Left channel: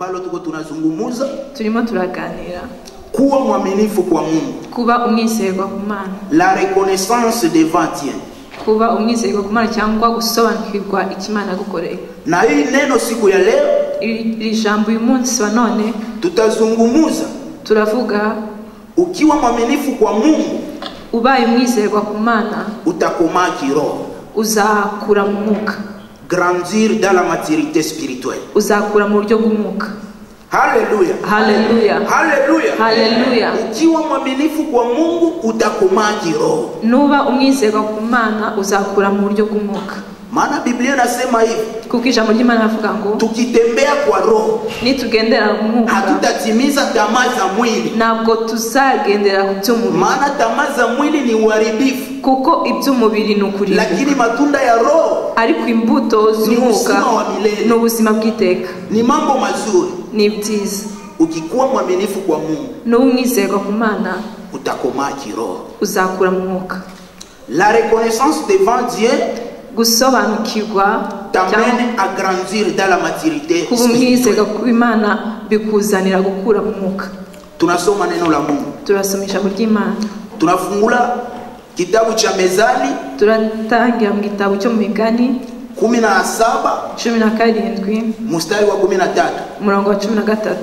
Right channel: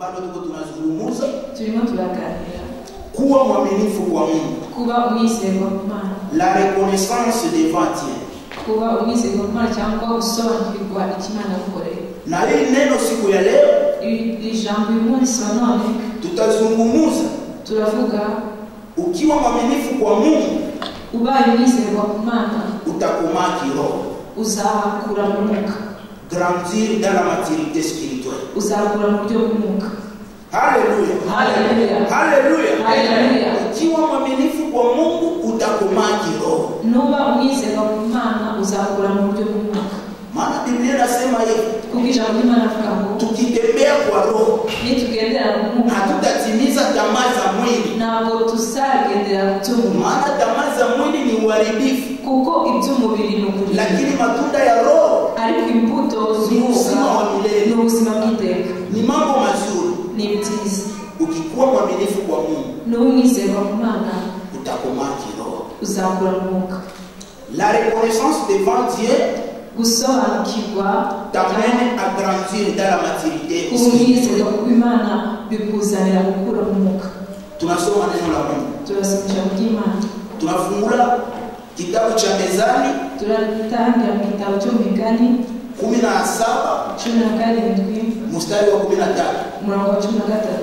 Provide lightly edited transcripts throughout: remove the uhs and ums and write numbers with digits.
ambalo tuko tunazungumza turimo turaganira kuwa mwaminifu kwa Mungu, kuba umwizerwa ku Mana, la reconnaissance devant Dieu, kuba umwizerwa ku Mana cyangwa gusobanukirwa ikimana gukoreye. na hii neno siku ya leo iri jambo uyu munsi wa none tutazungumuza turavuga ukiwa mwaminifu kwa Mungu ubaye umwizerwa ku Mana utakomaa kiroho, uzakura mu mwuka, grandir dans la maturité spirituelle. uzakura mu buryo bw'umwuka. Haleluya, haleluya, haleluya, haleluya. Ukiwa mwaminifu kwa Mungu utakomaa kiroho, nuba umwizerwa ku Mana uzakura mu buryo bw'umwuka. maana Biblia inasema hivi, kuko ijambo ry'Imana rivuga ngo tukitembea kwa roho nitugendera mu mwuka hatutatimiza tamaa za mwili, ntabwo tuzagendera ku by'umubiri, maana tamaa za mwili ni uharibifu, kuko iby'umubiri ni ukuri, lakini matunda ya roho ariko imbuto z'umwuka ni ubuzima bw'iteka, ni mambo mazuri. ni byiza. Ukikuwa mwaminifu kwa Mungu nuba umwizerwa ku Mana utakomaa kiroho. uzakura mu mwuka. La reconnaissance devant Dieu gusobanukirwa t'amène à grandir dans la maturité kuba umwizerwa ku Imana bikuzanira gukura mu mwuka. Tunasoma neno la Mungu, turasoma ijambo ry'Imana, tunafungula kitabu cha Mezani, turatangira mu gitabo cyo mu Migani 17 mstari wa 13, umurongo wa 13.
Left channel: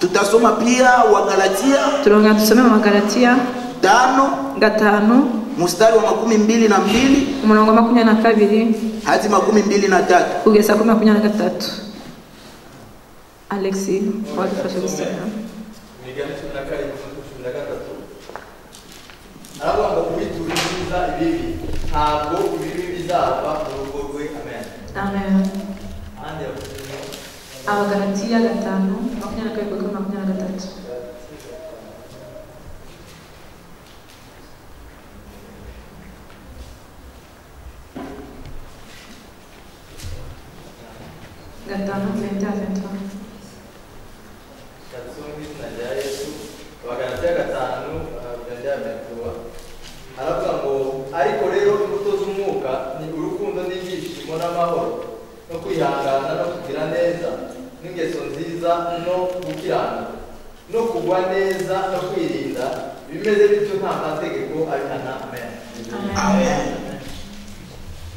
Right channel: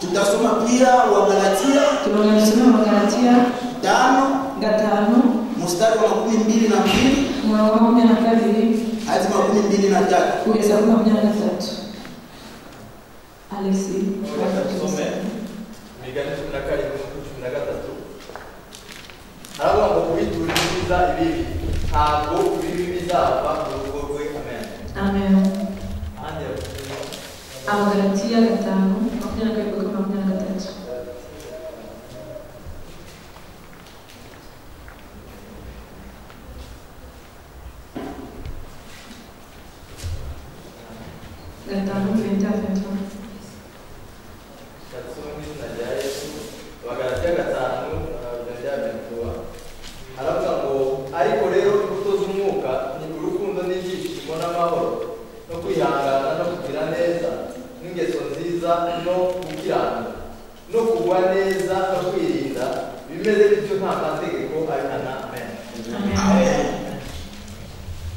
tutasoma pia wa Galatia, turonga tusome mu Galatia 5 mstari wa 22 umurongo wa 22 hadi 23 kugeza ku 23. Alexi wafashe Migani 17:13 aravuga kubituriza ibibi ntabwo ibibi bizava mu rugo rwe. Amen, amen. Abagalatia 5:22-23. aravuga ngo ariko rero imbuto z'umwuka ni urukundo n'ibyishimo n'amahoro no kwihangana no kugira neza n'ingeso nziza no gukiranuka no kugwa neza no kwirinda, bimeze bityo nta mategeko abihana. Amen, amen.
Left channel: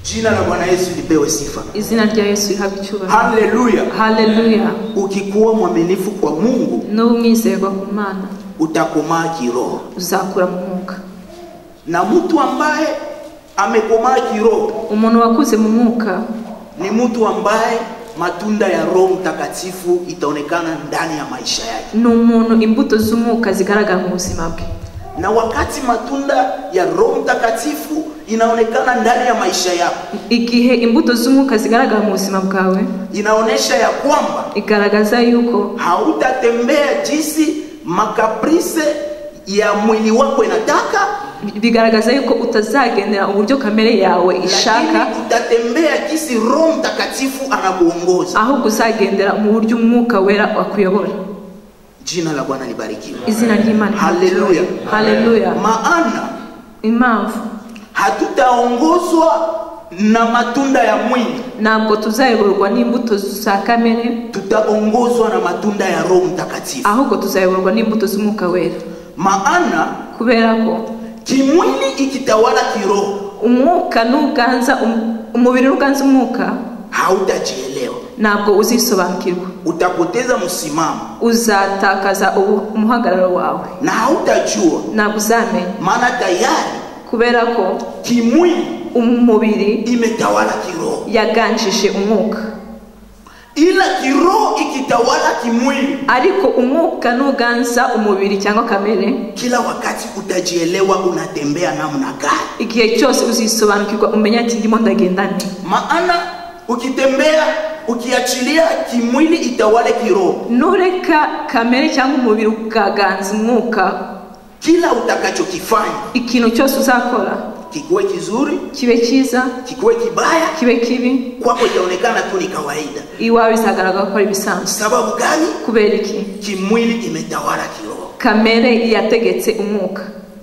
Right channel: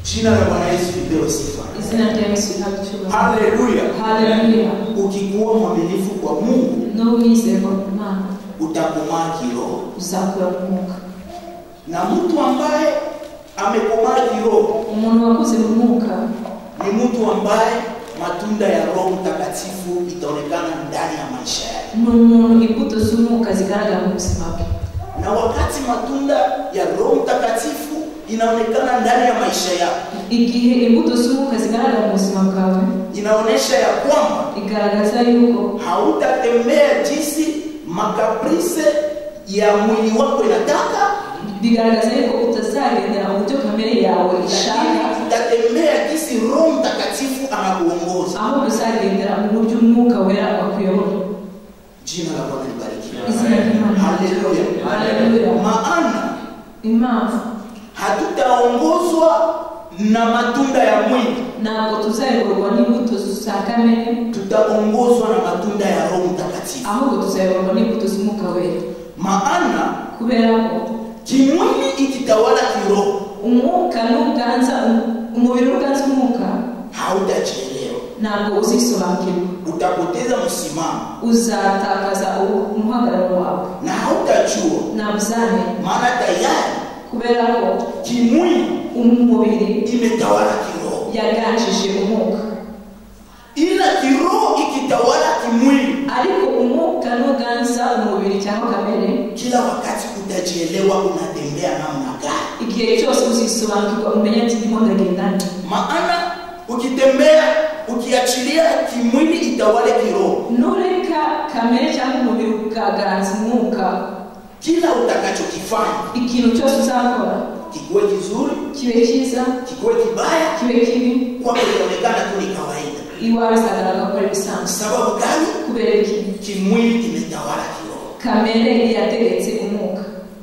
Jina la Bwana Yesu lipewe sifa. Izina rya Yesu lihabwe. Haleluya, haleluya. Ukikuwa mwaminifu kwa Mungu no umwizerwa ku Mana utakomaa kiroho, uzakura mu mwuka. Na mtu ambaye amekomaa kiroho, umuntu wakuze mu mwuka, ni mtu ambaye matunda ya Roho Mtakatifu itaonekana ndani ya maisha yake. Ni umuntu imbuto z'umwuka zigaragara mu buzima bwe. Na wakati matunda ya Roho Mtakatifu inaonekana ndani ya maisha yako, igihe imbuto z'umwuka zigaragara mu buzima bwawe, inaonesha ya kwamba igaragaza yuko hautatembea jinsi makaprise ya mwili wako inataka, bigaragaza yuko utazagendera mu buryo kamere yawe ishaka, utatembea jinsi Roho Mtakatifu anakuongoza, ahubwo uzagendera mu buryo umwuka wera akuyobora. Jina la Bwana libarikiwe. Izina ry'Imana. Haleluya, haleluya. Maana impamvu hatutaongozwa na matunda ya mwili, ntabwo tuzayoborwa n'imbuto za kamere, tutaongozwa na matunda ya Roho Mtakatifu, ahubwo tuzayoborwa n'imbuto z'umwuka wera. Maana kubera ko kimwili ikitawala kiroho, umwuka n'uganza umubiri uganza umwuka, hautajielewa, ntabwo uzisobanukirwa, utapoteza msimamo, uzatakaza umuhagararo wawe, na hautajua, ntabwo uzamenya, maana tayari kubera ko kimwili umubiri imetawala kiroho, yaganjije umwuka. Ila kiroho ikitawala kimwili, ariko umwuka n'uganza umubiri cyangwa kamere, kila wakati utajielewa unatembea namna gani, igihe cyose uzisobanukirwa umenya ati ndimo ndagenda nde. Maana ukitembea ukiachilia kimwili itawale kiroho, nureka kamere cyangwa umubiri ukaganza umwuka, kila utakachokifanya, ikintu cyose uzakora, kiwe kizuri, kibe cyiza, kiwe kibaya, kibe kibi, kwako itaonekana tu ni kawaida. Iwawe bizagaragara ko ari bisanzwe. Sababu gani? Kubera iki? Kimwili imetawala kiroho, kamere yategetse umwuka.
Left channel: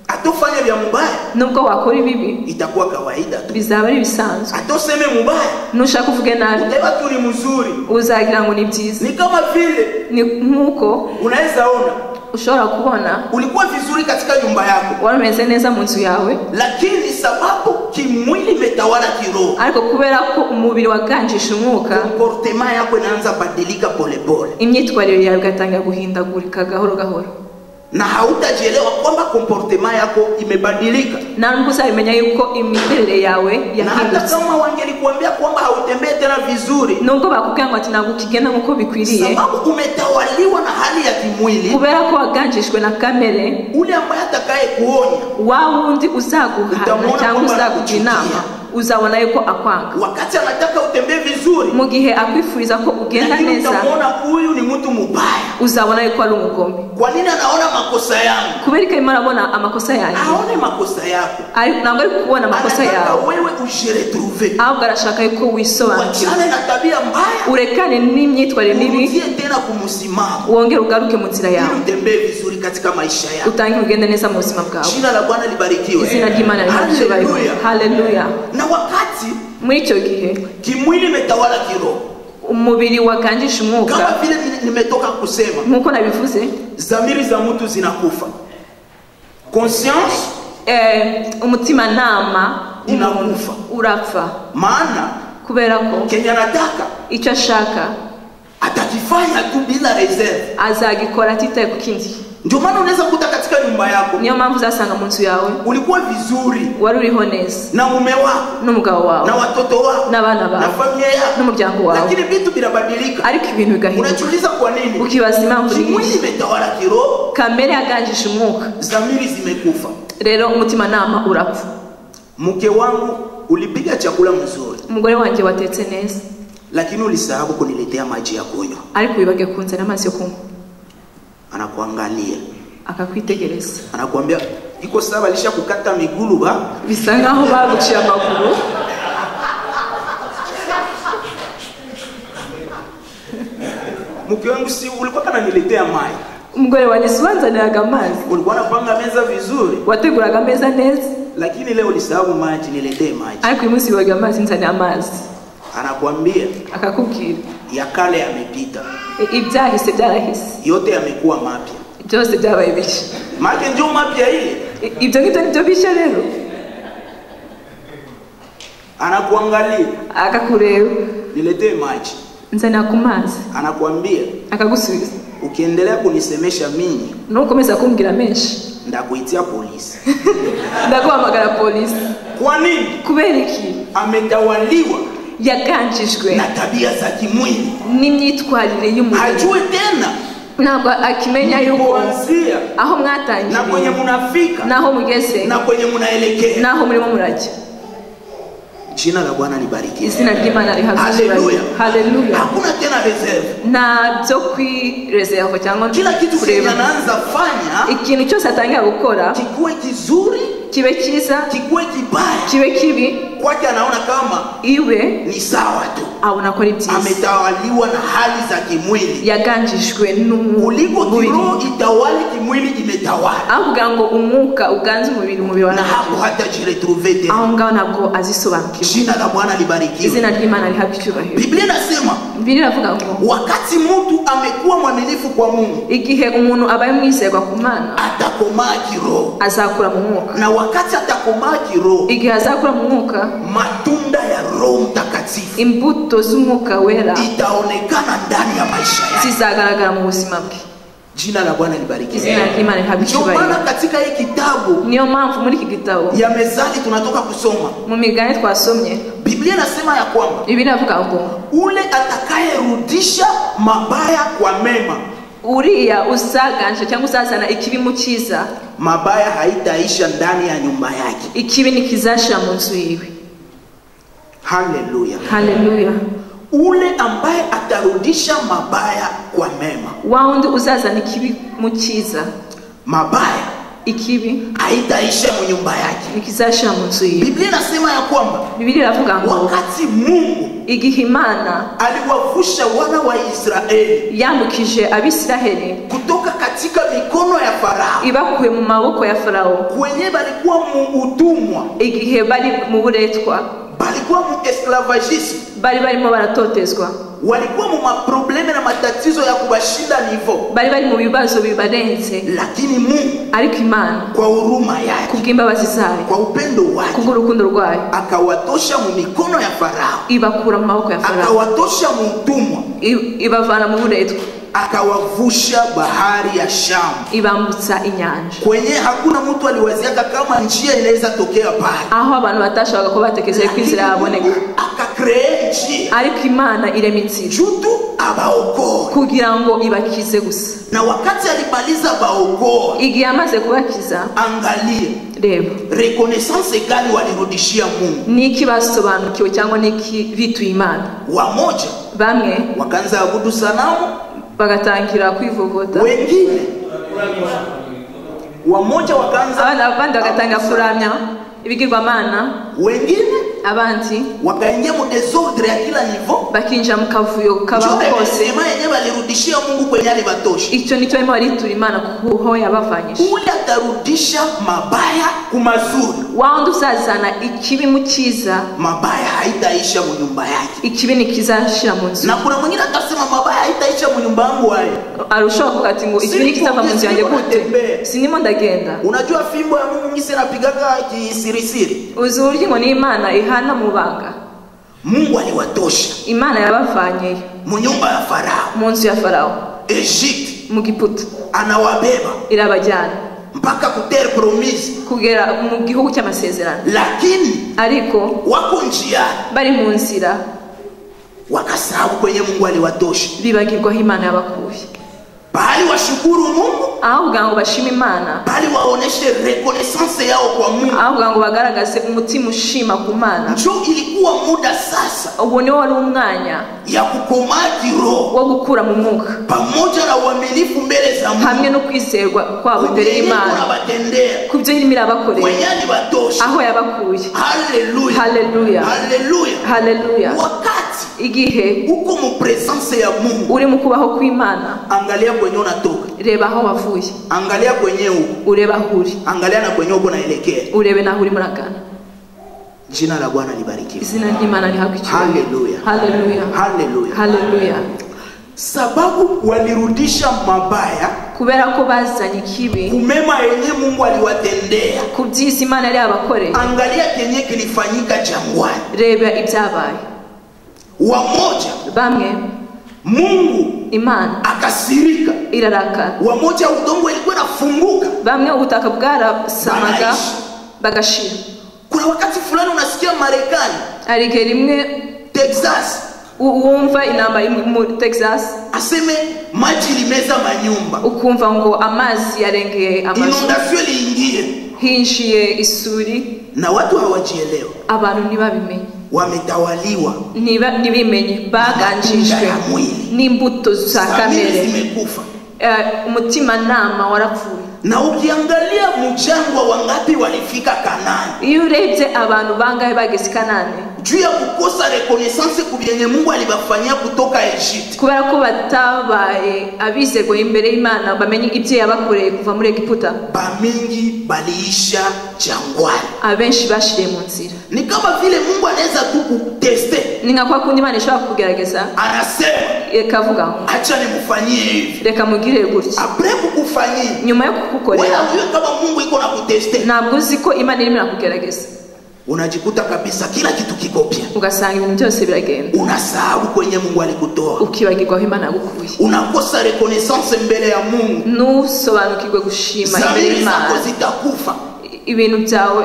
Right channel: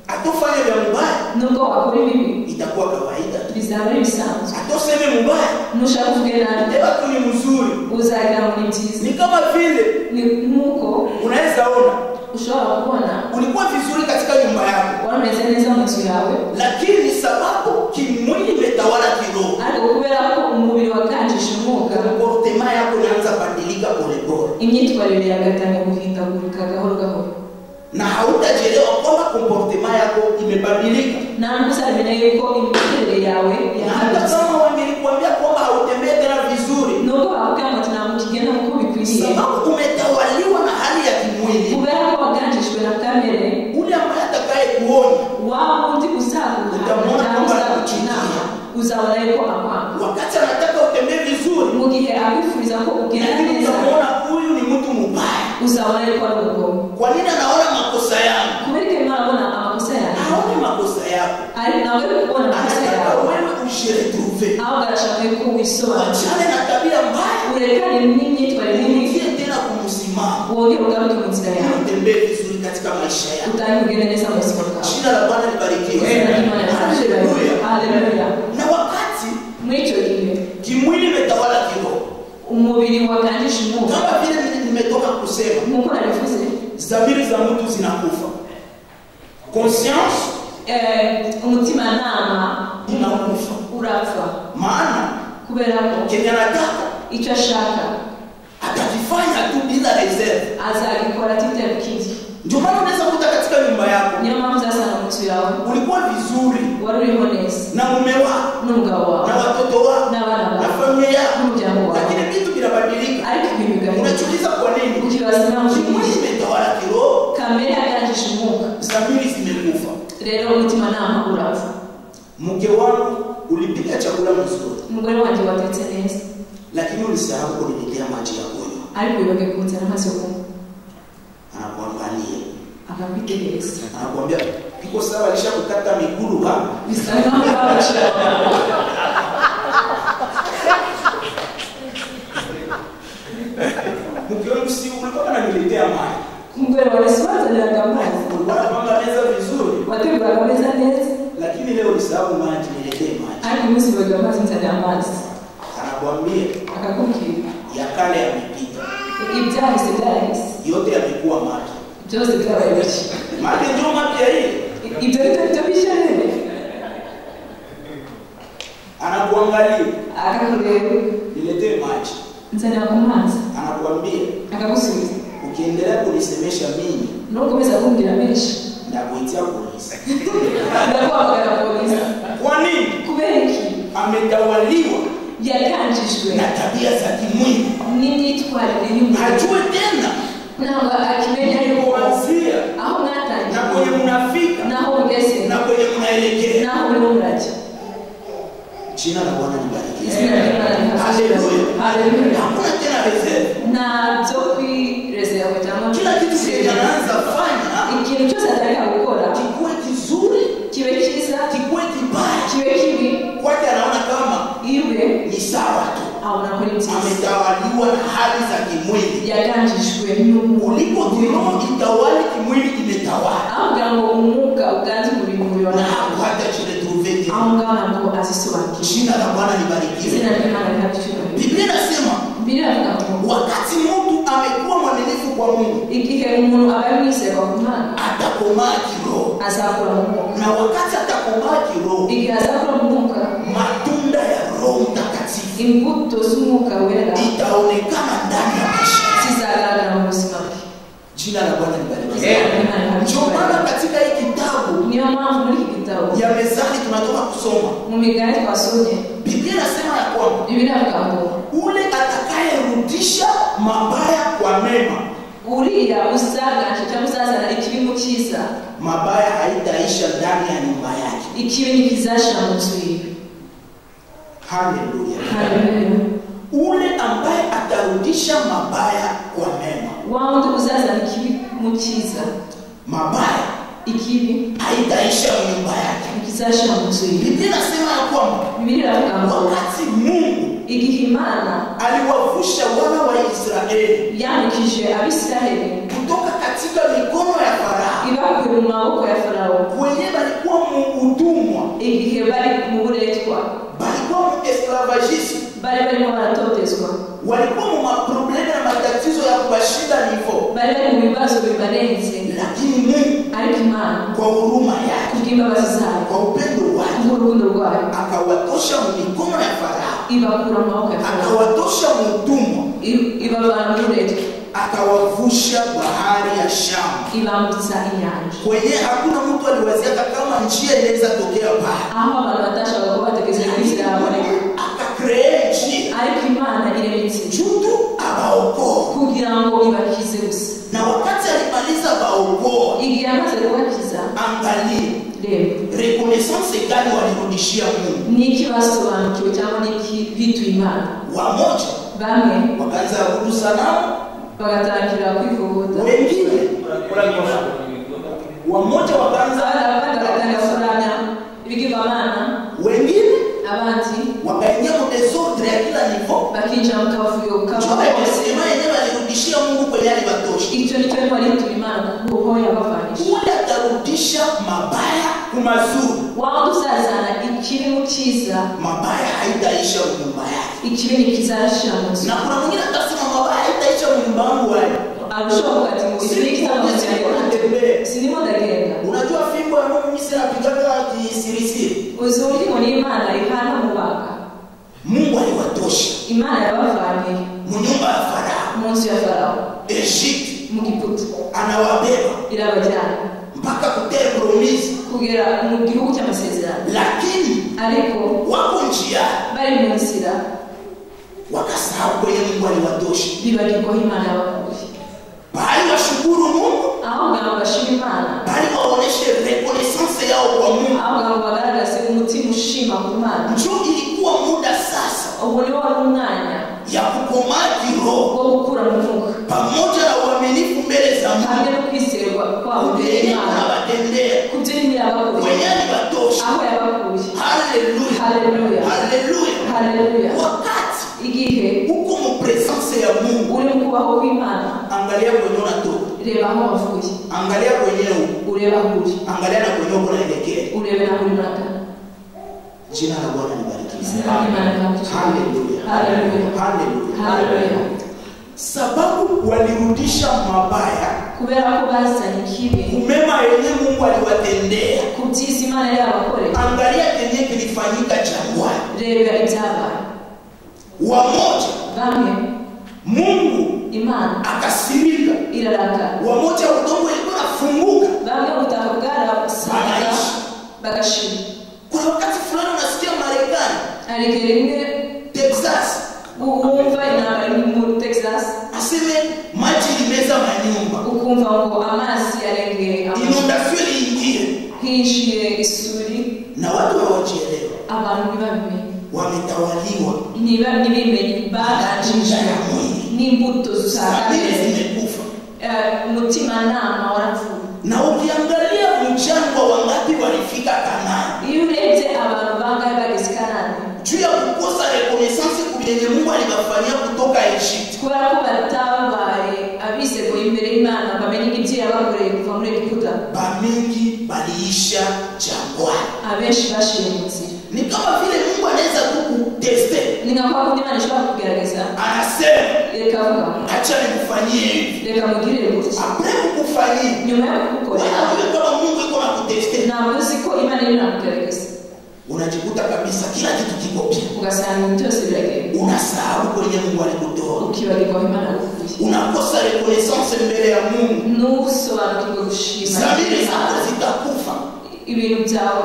Atofanya vya mubaya, nubwo wakora ibibi, itakuwa kawaida tu, bizaba ari bisanzwe. atoseme mubaya, nushaka kuvuga nabi, eba turi mzuri, uzagira ngo ni byiza. Ni kama vile Ni nkuko unaweza ona ushobora kubona ulikuwa vizuri katika nyumba yako, wameze neza mu nzu yawe, lakini sababu kimwili imetawala kiroho, ariko kubera ko umubiri waganjisha umwuka, comportement yako inaanza badilika polepole, imyitwarire yawe igatangira guhindagurika gahoro gahoro, na hautajielewa kwamba comportement yako imebadilika. na nkusabimenya yuko imiterere yawe Na hata yahindutse. kama wangelikuambia kwamba hautembee tena vizuri, Nubwo bakubwira ngo ati ntabwo ukigenda nk'uko bikwiriye, sababu umetawaliwa na hali ya kimwili, kubera ko waganjishwe na kamere, ule ambaye atakaye kuonya wa wundi uzaguhana cyangwa uzaguha inama uzabona yuko akwanga. wakati anataka utembee vizuri, Mu gihe akwifuriza ko ugenda lakini neza, utamwona huyu ni mtu mubaya. uzabona yuko ari umugome. Kwa nini anaona makosa yangu? Kubera ko arimo arabona amakosa yanjye, Aone makosa yako, ariko ntabwo ari kubona amakosa anataka yawe, wewe ujiretrouve, ahubwo arashaka yuko wisobanukira, wachane na tabia mbaya, urekane n'imyitwarire mibi, urudie tena kumsimama, wongere ugaruke mu nzira yawe, utembee vizuri katika maisha yako. utangire ugende neza mu buzima bwawe. Jina la Bwana libarikiwe. Izina ry'Imana rihabwe Haleluya. haleluya. Na wakati Muri icyo gihe kimwili imetawala kiroho, umubiri waganjisha umwuka, kama vile nimetoka kusema, nk'uko nabivuze, dhamiri za mtu zinakufa, conscience umutimanama inakufa, urapfa, maana kubera ko kenye anataka icyo ashaka atakifanya tu bila reserve. azagikora atitaye ku kindi. Ndio maana unaweza kukuta katika nyumba yako Niyo mpamvu uzasanga mu nzu yawe ulikuwa vizuri wari uriho neza na mume wako n'umugabo wawe na watoto wako n'abana na bawe familia yako, n'umuryango wawe, lakini vitu vinabadilika. ariko ibintu bigahinduka. Unajiuliza kwa nini? Ukibaza impamvu Kimwili y'iki, imetawala kiroho, kamere yaganjisha umwuka, dhamiri zimekufa. rero umutimanama urapfa. Mke wangu ulipika chakula mzuri, Umugore wanjye watetse neza, lakini ulisahau kuniletea maji ya kunywa. ariko wibage kunzana amazi yo kunywa. Anakuangalia, Akakwitegereza, anakuambia iko sawa, alishakukata miguu ba. bisa nkaho babuciye amaguru. Mke wangu, si ulikuwa kananiletea maji, Umugore wanjye sibanzaniraga amazi, ulikuwa unapanga meza vizuri, wateguraga ameza neza, lakini leo ulisahau maji, niletee maji. ariko uyu munsi wibaga amazi, nzanira amazi. Anakuambia Akakubwira ya kale yamepita, ibyahise byarahise, yote yamekuwa mapya. byose byabaye bishya. Maana ndio mapya hii. Ibyo ngibyo nibyo bishya rero. Anakuangalia, Akakureba, niletee maji. nzanira ku mazi, Anakuambia akagusubiza. ukiendelea kunisemesha mimi Nukomeza kumbwira menshi, ndakuitia polisi. ndaguhamagara polisi. Kwa nini? Kubera iki? Ametawaliwa Yaganjijwe na tabia za kimwili, n'imyitwarire y'umubiri, hajue tena ntabwo akimenya yuko kuanzia aho na mwatangiye, kwenye munafika naho mugeze, na kwenye munaelekea. naho murimo murajya. Jina la Bwana libarikiwe. Izina ry'Imana rihabwe. Haleluya. Haleluya. Hakuna tena reserve. Nta byo kwireserva cyangwa Kila kitu kureba. kinaanza fanya Ikintu cyose atangira gukora kikuwe kizuri, kibe cyiza, kikuwe kibaya, kibe kibi, kwake anaona kama iwe ni sawa tu. abona ko ari byiza. Ametawaliwa na hali za kimwili. Yaganjijwe Uliko n'umubiri, kiroho itawali, kimwili imetawala, avuga ngo umwuka uganze umubiri wa na nawe, hapo hata jiretrouve tena. aho ngaho ntabwo azisobanukirwa. Jina la Bwana libarikiwe. Izina ry'Imana rihabwe icyubahiro. Biblia inasema Bibiliya iravuga ngo wakati mtu amekuwa mwaminifu kwa Mungu, igihe umuntu abaye umwizerwa ku Mana atakomaa kiroho, azakura mu mwuka. na wakati atakomaa kiroho, Igihe azakura mu mwuka, matunda ya Roho Mtakatifu imbuto z'umwuka wera itaonekana ndani ya maisha yake. zizagaragara mu buzima bwe. Jina la Bwana libarikiwe. Izina ry'Imana rihabwe Ndio maana icyubahiro. katika hii kitabu Niyo mpamvu muri iki gitabo ya Mezali tunatoka kusoma, mu migani twasomye, Biblia inasema ya kwamba Bibiliya iravuga ngo ule atakayerudisha mabaya kwa mema, uriya uzagansha cyangwa uzazana ikibi mu cyiza, mabaya haitaisha ndani ya nyumba yake. ikibi ntikizashira mu nzu yiwe. Haleluya. Haleluya. Ule ambaye atarudisha mabaya kwa mema, Wa wundi uzazana ikibi mu cyiza, mabaya ikibi haitaisha mu nyumba yake. ntikizashira mu nzu yiwe. Biblia inasema ya kwamba Bibiliya iravuga ngo wakati Mungu igihe Imana aliwavusha wana wa Israeli yamukije Abisiraheli kutoka katika katika mikono ya Farao, ibakuye mu maboko ya Farawo kwenye balikuwa mu utumwa, igihe bari mu buretwa, balikuwa mu esclavagisme, barimo baratotezwa, walikuwa mu maprobleme na matatizo ya kubashinda nivo, bari mu bibazo bibarenze. lakini Mungu ariko Imana kwa huruma yake, kubw'imbabazi zayo, kwa upendo wake, kubw'urukundo rwayo, akawatosha mu mikono ya Farao, ibakura mu maboko ya Farawo, akawatosha mu utumwa, ibavana mu buretwa, akawavusha bahari ya Shamu, ibambutsa inyanja, kwenye hakuna mtu aliwaziaka kama njia inaweza tokea pale, aho abantu batashoboraga ko batekereza ko inzira yaboneka. akakree njia, ariko Imana irema inzira jutu abaokoe, kugira ngo ibakize gusa. na wakati alimaliza baokoe, igihe amaze kubakiza, angalia reba reconnaissance gani walirudishia Mungu. niki basobanukiwe cyangwa niki bituye Imana. Wamoja bamwe wakaanza kuabudu sanamu, bagatangira kwivovota, wengine wamoja wakaanza, abandi bagatangira kuramya ibigirwamana, wengine abandi wakaingia mu desordre ya kila nivo, bakinjira mu kavuyo kose. sema yenyewe walirudishia Mungu kwenye alibatosha. icyo nicyo barimo baritura Imana kuho yabavanyije. Ule atarudisha mabaya kumazuri, wawundi uzazana ikibi mu cyiza, mabaya haitaisha mu nyumba yake. ikibi nikizashira mu nzu. Na kuna mwingine atasema mabaya haitaisha mu nyumba yangu wapi? arushaho kuvuga ati ngo ikibi nikitava mu nzu yanjye gute, sinimo ndagenda. Unajua fimbo ya Mungu ngisi napigaga kisirisiri, uzi uburyo ngo n'Imana ihana mu banga. Mungu aliwatosha Imana yabavanye mu nyumba ya Farao, mu nzu ya Farawo, Egypt, mu Giputa, anawabeba irabajyana mpaka kutere promise, kugera mu gihugu cy'amasezerano. lakini ariko wako njia, bari mu nzira, wakasahau kwenye Mungu aliwatosha. bibagirwa aho Imana yabakuye. Bali washukuru Mungu, aho kugira ngo bashime Imana, bali waoneshe reconnaissance yao kwa Mungu, aho kugira ngo bagaragaze umutima ushima ku Mana. njo ilikuwa muda sasa ubu niwo wari umwanya ya kukomaa kiroho wo gukura mu mwuka, pamoja na uaminifu mbele za hamwe Mungu, no kwizerwa kwabo imbere y'Imana kunabatendea ku byo irimo irabakorera, kwenye alibatosha. aho yabakuye. Haleluya, Haleluya, haleluya. haleluya. Wakati igihe uko mu presence ya Mungu, uri mu kubaho kw'Imana, angalia kwenye unatoka, reba aho wavuye, angalia kwenye uko, ureba aho uri, angalia na kwenye uko naelekea. urebe naho uri muragana. Jina la Bwana libarikiwe. izina ry'Imana rihabwe icyubahiro. Haleluya, Haleluya, haleluya, haleluya. sababu walirudisha mabaya kubera ko bazanye ikibi kumema yenye Mungu aliwatendea. ku by'isi Imana yari yabakoreye. Angalia kenye kilifanyika jangwani, reba ibyabaye. wamoja bamwe Mungu Imana akasirika, irarakara, wamoja udongo ilikuwa nafunguka, bamwe ubutaka bwarasamaga Bagaishi. bagashira. kuna wakati fulani unasikia Marekani, hari igihe rimwe Texas, wumva intambara muri Texas, aseme maji limeza manyumba, ukumva ngo amazi yarengeye amazu, inundation iliingie, hinjiye isuri, na watu hawajielewa, abantu ntibabimenye, wametawaliwa, ntibimenye, baganjijwe n'imbuto za kamere kamere, zimekufa. umutimanama warapfuye. Na ukiangalia mjangwa wangapi walifika Kanaani, iyo urebye abantu bangahe bageze Kanani, juu ya kukosa reconnaissance kubienye Mungu alibafanyia kutoka Egypt, kubera ko batabaye abizerwa imbere y'Imana bamenye ibyo yabakoreye kuva muri Egiputa, bamingi baliisha jangwani. abenshi bashiriye mu nzira. Ni kama vile Mungu anaweza tu kuteste, ni nka kwa kundi Imana ishobora kugerageza, anasema ikavuga ngo acha nikufanyie hivi, reka mugirire gutya, apre kukufanyia nyuma yo kukukorera. wewe kama Mungu iko na kuteste, ntabwo uzi ko Imana irimo irakugerageza, unajikuta kabisa kila kitu kiko pia, ugasanga ibintu byose biragenda, unasahau kwenye Mungu alikutoa, ukibagirwa aho Imana yagukuye, unakosa reconnaissance mbele ya Mungu, ntusobanukirwe gushima zamiri Imana, zako zitakufa, ibintu byawe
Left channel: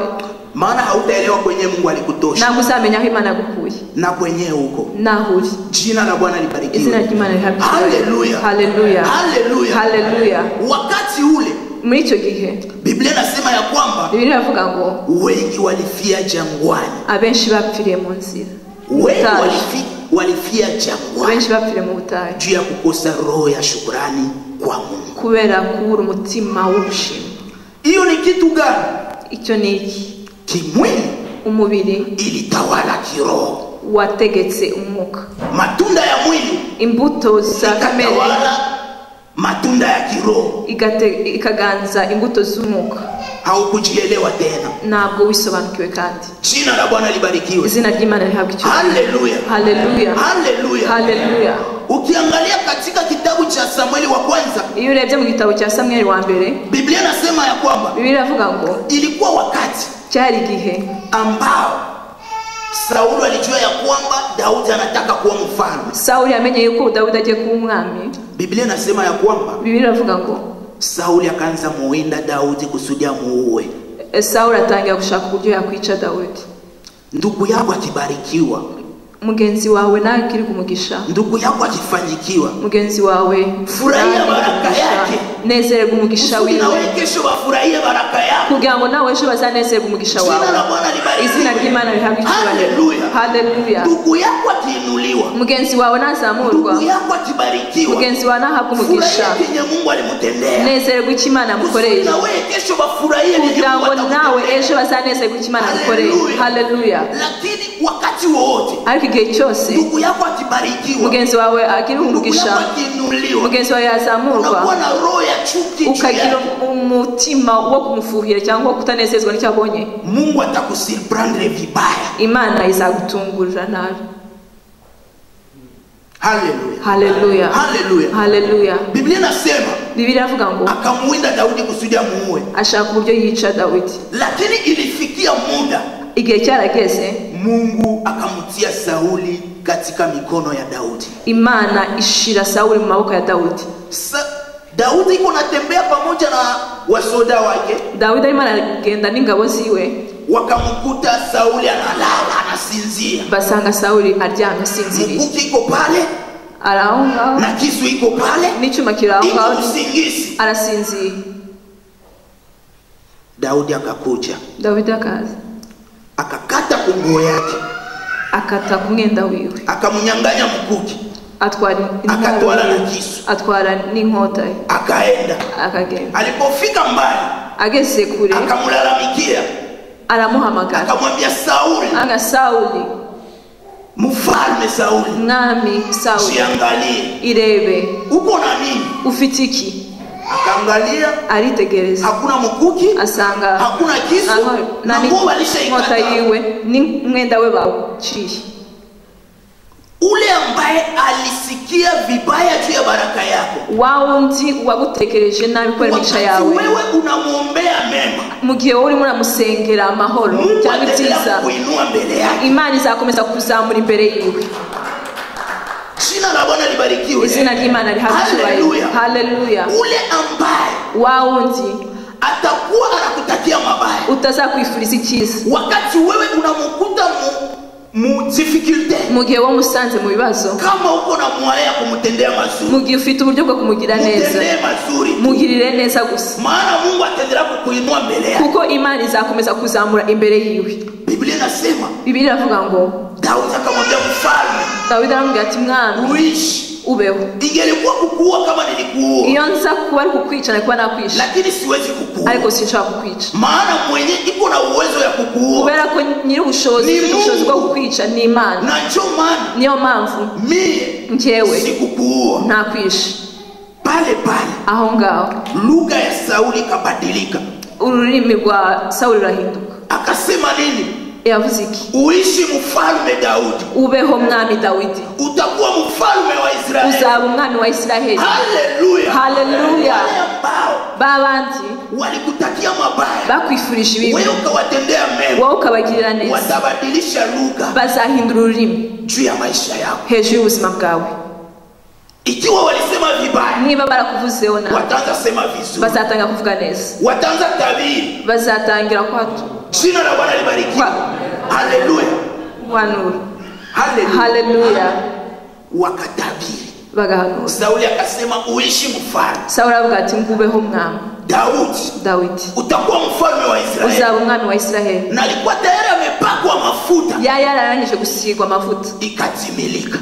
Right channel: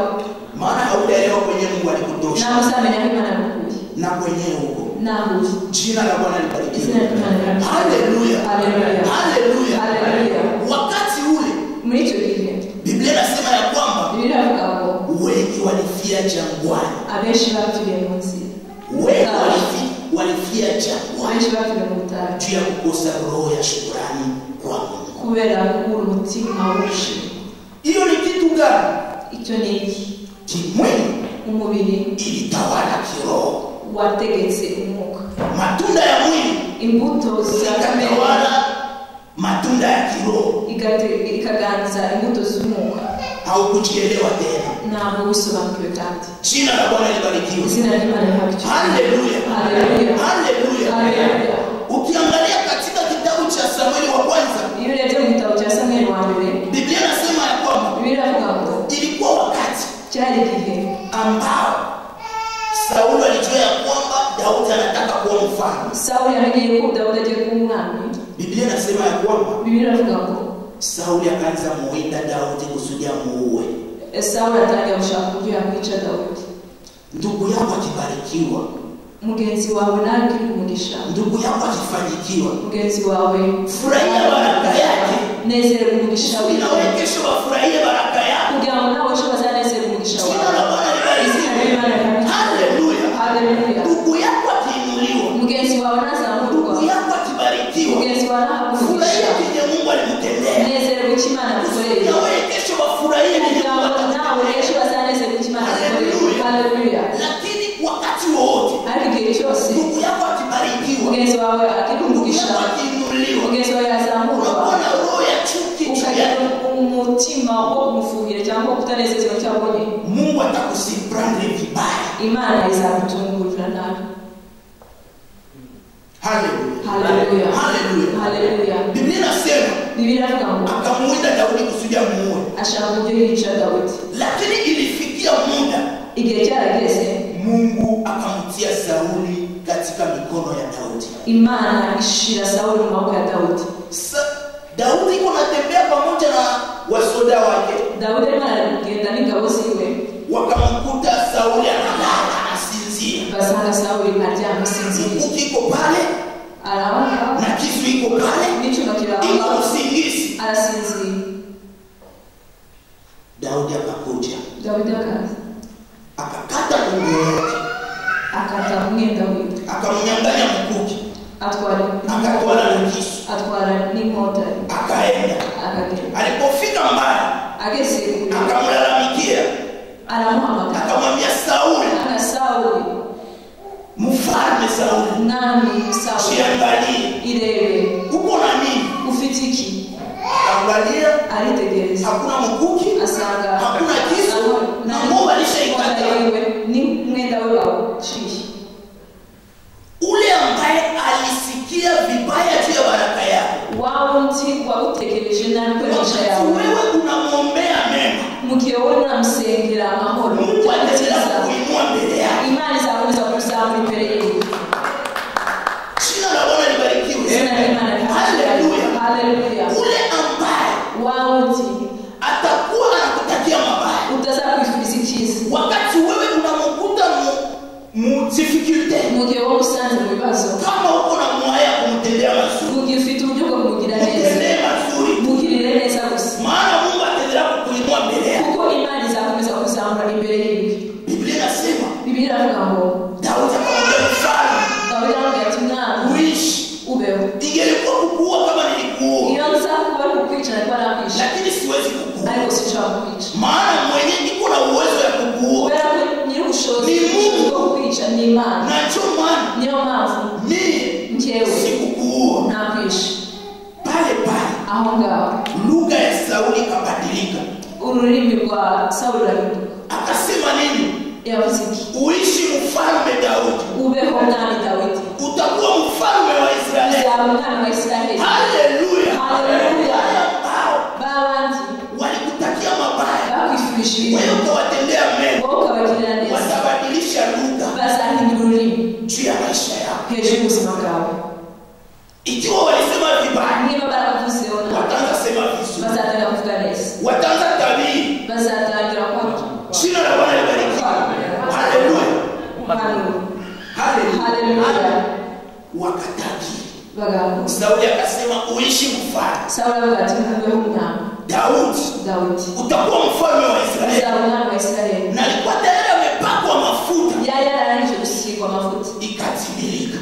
maana hautaelewa kwenye Mungu alikutosha ntabwo uzamenya aho Imana yagukuye na kwenye huko. naho uri. Jina la Bwana izina libarikiwe. ry'Imana rihabwe. Haleluya, Haleluya, haleluya, haleluya. Wakati ule muri icyo gihe Biblia inasema ya kwamba Biblia iravuga ngo wengi walifia jangwani, abenshi bapfiriye mu nzira, wengi walifia jangwani abenshi bapfiriye mu butayu juu ya kukosa roho ya shukrani kwa Mungu. kubera kubura umutima w'ubushimwe. Hiyo ni kitu gani? icyo ni iki? Kimwili umubiri ilitawala kiroho, wategetse umwuka, matunda ya mwili imbuto za kamere ikatawala matunda ya kiroho, ikaganza imbuto z'umwuka. haukujielewa tena. Ntabwo wisobanukiwe kandi. Jina la Bwana libarikiwe. Izina ry'Imana rihabwe icyubahiro. Haleluya. Haleluya. Haleluya. Haleluya. Ukiangalia katika kitabu cha Samueli wa kwanza, iyo urebye mu gitabo cya Samueli wa mbere, Biblia inasema ya kwamba Biblia iravuga ngo ilikuwa wakati cyari igihe ambao Sauli alijua ya kwamba Daudi anataka kuwa mfalme. Sauli amenye yuko Daudi agiye kuba umwami. Biblia inasema ya kwamba Biblia iravuga ngo Sauli akaanza muwinda Daudi kusudi amuue. Sauli atangira gushaka uburyo yakwica Daudi. Ndugu yako akibarikiwa, mugenzi wawe nawe kiri kumugisha, ndugu yako akifanyikiwa, mugenzi wawe furahia baraka yake, nezerwa umugisha wiwe, na wewe kesho wafurahie baraka yako, kugira ngo nawe ejo bazanezerwa umugisha wawe. Jina la Bwana libarikiwe. Izina ry'Imana rihabwe icyubahiro. Haleluya. Haleluya. Ndugu yako akiinuliwa, mugenzi wawe nazamurwa, ndugu yako akibarikiwa, mugenzi wawe nahabwa umugisha, furahia kile Mungu alimtendea, nezerwa icyo Imana yamukoreye, na wewe kesho wafurahie kile kugira Mungu ngo nawe atakutendea. ejo bazanezerwa icyo Imana yamukoreye. Haleluya. Lakini wakati wote ariko igihe cyose ndugu yako akibarikiwa, mugenzi wawe agira umugisha, mugenzi wawe yazamurwa, unakuwa na roho ya chuki, ukagira umutima wo kumufuhira cyangwa kutanezezwa n'icyo abonye, Mungu atakusurprendre vibaya. Imana izagutungurira nabi. Haleluya. Haleluya. Haleluya. Haleluya. Biblia inasema Biblia iravuga ngo akamwinda Daudi kusudi amuue, ashaka uburyo yica Daudi, lakini ilifikia muda igihe cyarageze Mungu akamtia Sauli katika mikono ya Daudi. Imana ishira Sauli mu maboko ya Daudi. Daudi iko natembea pamoja na wasoda wake. Daudi arimo aragenda n'ingabo ziwe, wakamkuta Sauli analala anasinzia. Basanga Sauli aryamye asinziriye. Mkuki iko pale, araonga, na kisu iko pale, n'icyuma kiraonga, iko usingizi, arasinziriye. Daudi akakuja, Daudi akaza, akakata nguo yake, akata umwenda wiwe, akamnyang'anya mkuki, akatwala na kisu, atwara n'inkota, akaenda. Akagenda. Alipofika mbali, ageze kure, akamlalamikia, aramuhamagara, akamwambia Sauli, anga Sauli, mfalme Sauli, nami Sauli, jiangalie, irebe, uko na nini? Ufite iki? Akaangalia, aritegereza, hakuna mkuki, asanga hakuna kisu, na nguo alishaikata yiwe, ni mwenda we bawuciye. Ule ambaye alisikia vibaya juu ya baraka yako, wao undi wagutekereje nabi kwemisha yawe, wewe unamuombea mema, mugihe uri muramusengera amahoro cyangwa byiza, Imana izakomeza kuzamura imbere yiwe. Jina la Bwana libarikiwe. Jina la Imana lihabwe. Haleluya. Ule ambaye wao undi atakuwa anakutakia mabaya, utazakwifuriza icyiza, wakati wewe unamkuta mu difficulty, mugihe wo musanze mu bibazo, kama uko na mwaya kumtendea mazuri, mugihe ufite uburyo bwo kumugira neza, mugirire neza gusa, maana Mungu ataendelea kukuinua mbele yako, kuko Imana izakomeza kuzamura imbere yiwe. Biblia inasema, Biblia iravuga ngo Daudi akamwambia mfalme, Daudi aramubwira ati mwami, uishi, ubeho. Ingelikuwa kukuua kama nilikuua, iyo nza kuba ari kukwica nikuba nakwisha, lakini siwezi kukuua, ariko sinshobora kukwica, maana mwenye iko na uwezo ya kukuua, kubera ko nyiri ubushobozi bwo kukwica ni Imana. Na ndio maana niyo mpamvu mimi njyewe sikukuua, nakwisha. Pale pale aho ngaho lugha ya Sauli ikabadilika, ururimi rwa Sauli rurahinduka. Akasema nini? Yavuze iki? Uishi mfalme Daudi, ubeho mwami Daudi, utakuwa mfalme wa Israeli, uzaba umwami wa Israeli. Haleluya, haleluya. Babandi walikutakia mabaya, bakwifurije ibibi, wewe ukawatendea mema, wowe ukabagirira neza, watabadilisha lugha, bazahindura ururimi juu ya maisha yao, hejuru y'ubuzima bwawe. Ikiwa walisema vibaya, niba barakuvuzeho nabi, wataanza sema vizuri, bazatanga kuvuga neza, wataanza tabiri, bazatangira kwatu. Jina la Bwana libarikiwe. Haleluya, haleluya. Wakatabiri, bagahaguruka. Sauli akasema uishi mfalme. Sauli avuga ati ngubeho mwami Daudi, utakuwa mfalme wa Israeli, uzaba umwami wa Israeli. Na alikuwa tayari amepakwa mafuta, yari yararangije gusigwa amavuta, ikatimilika.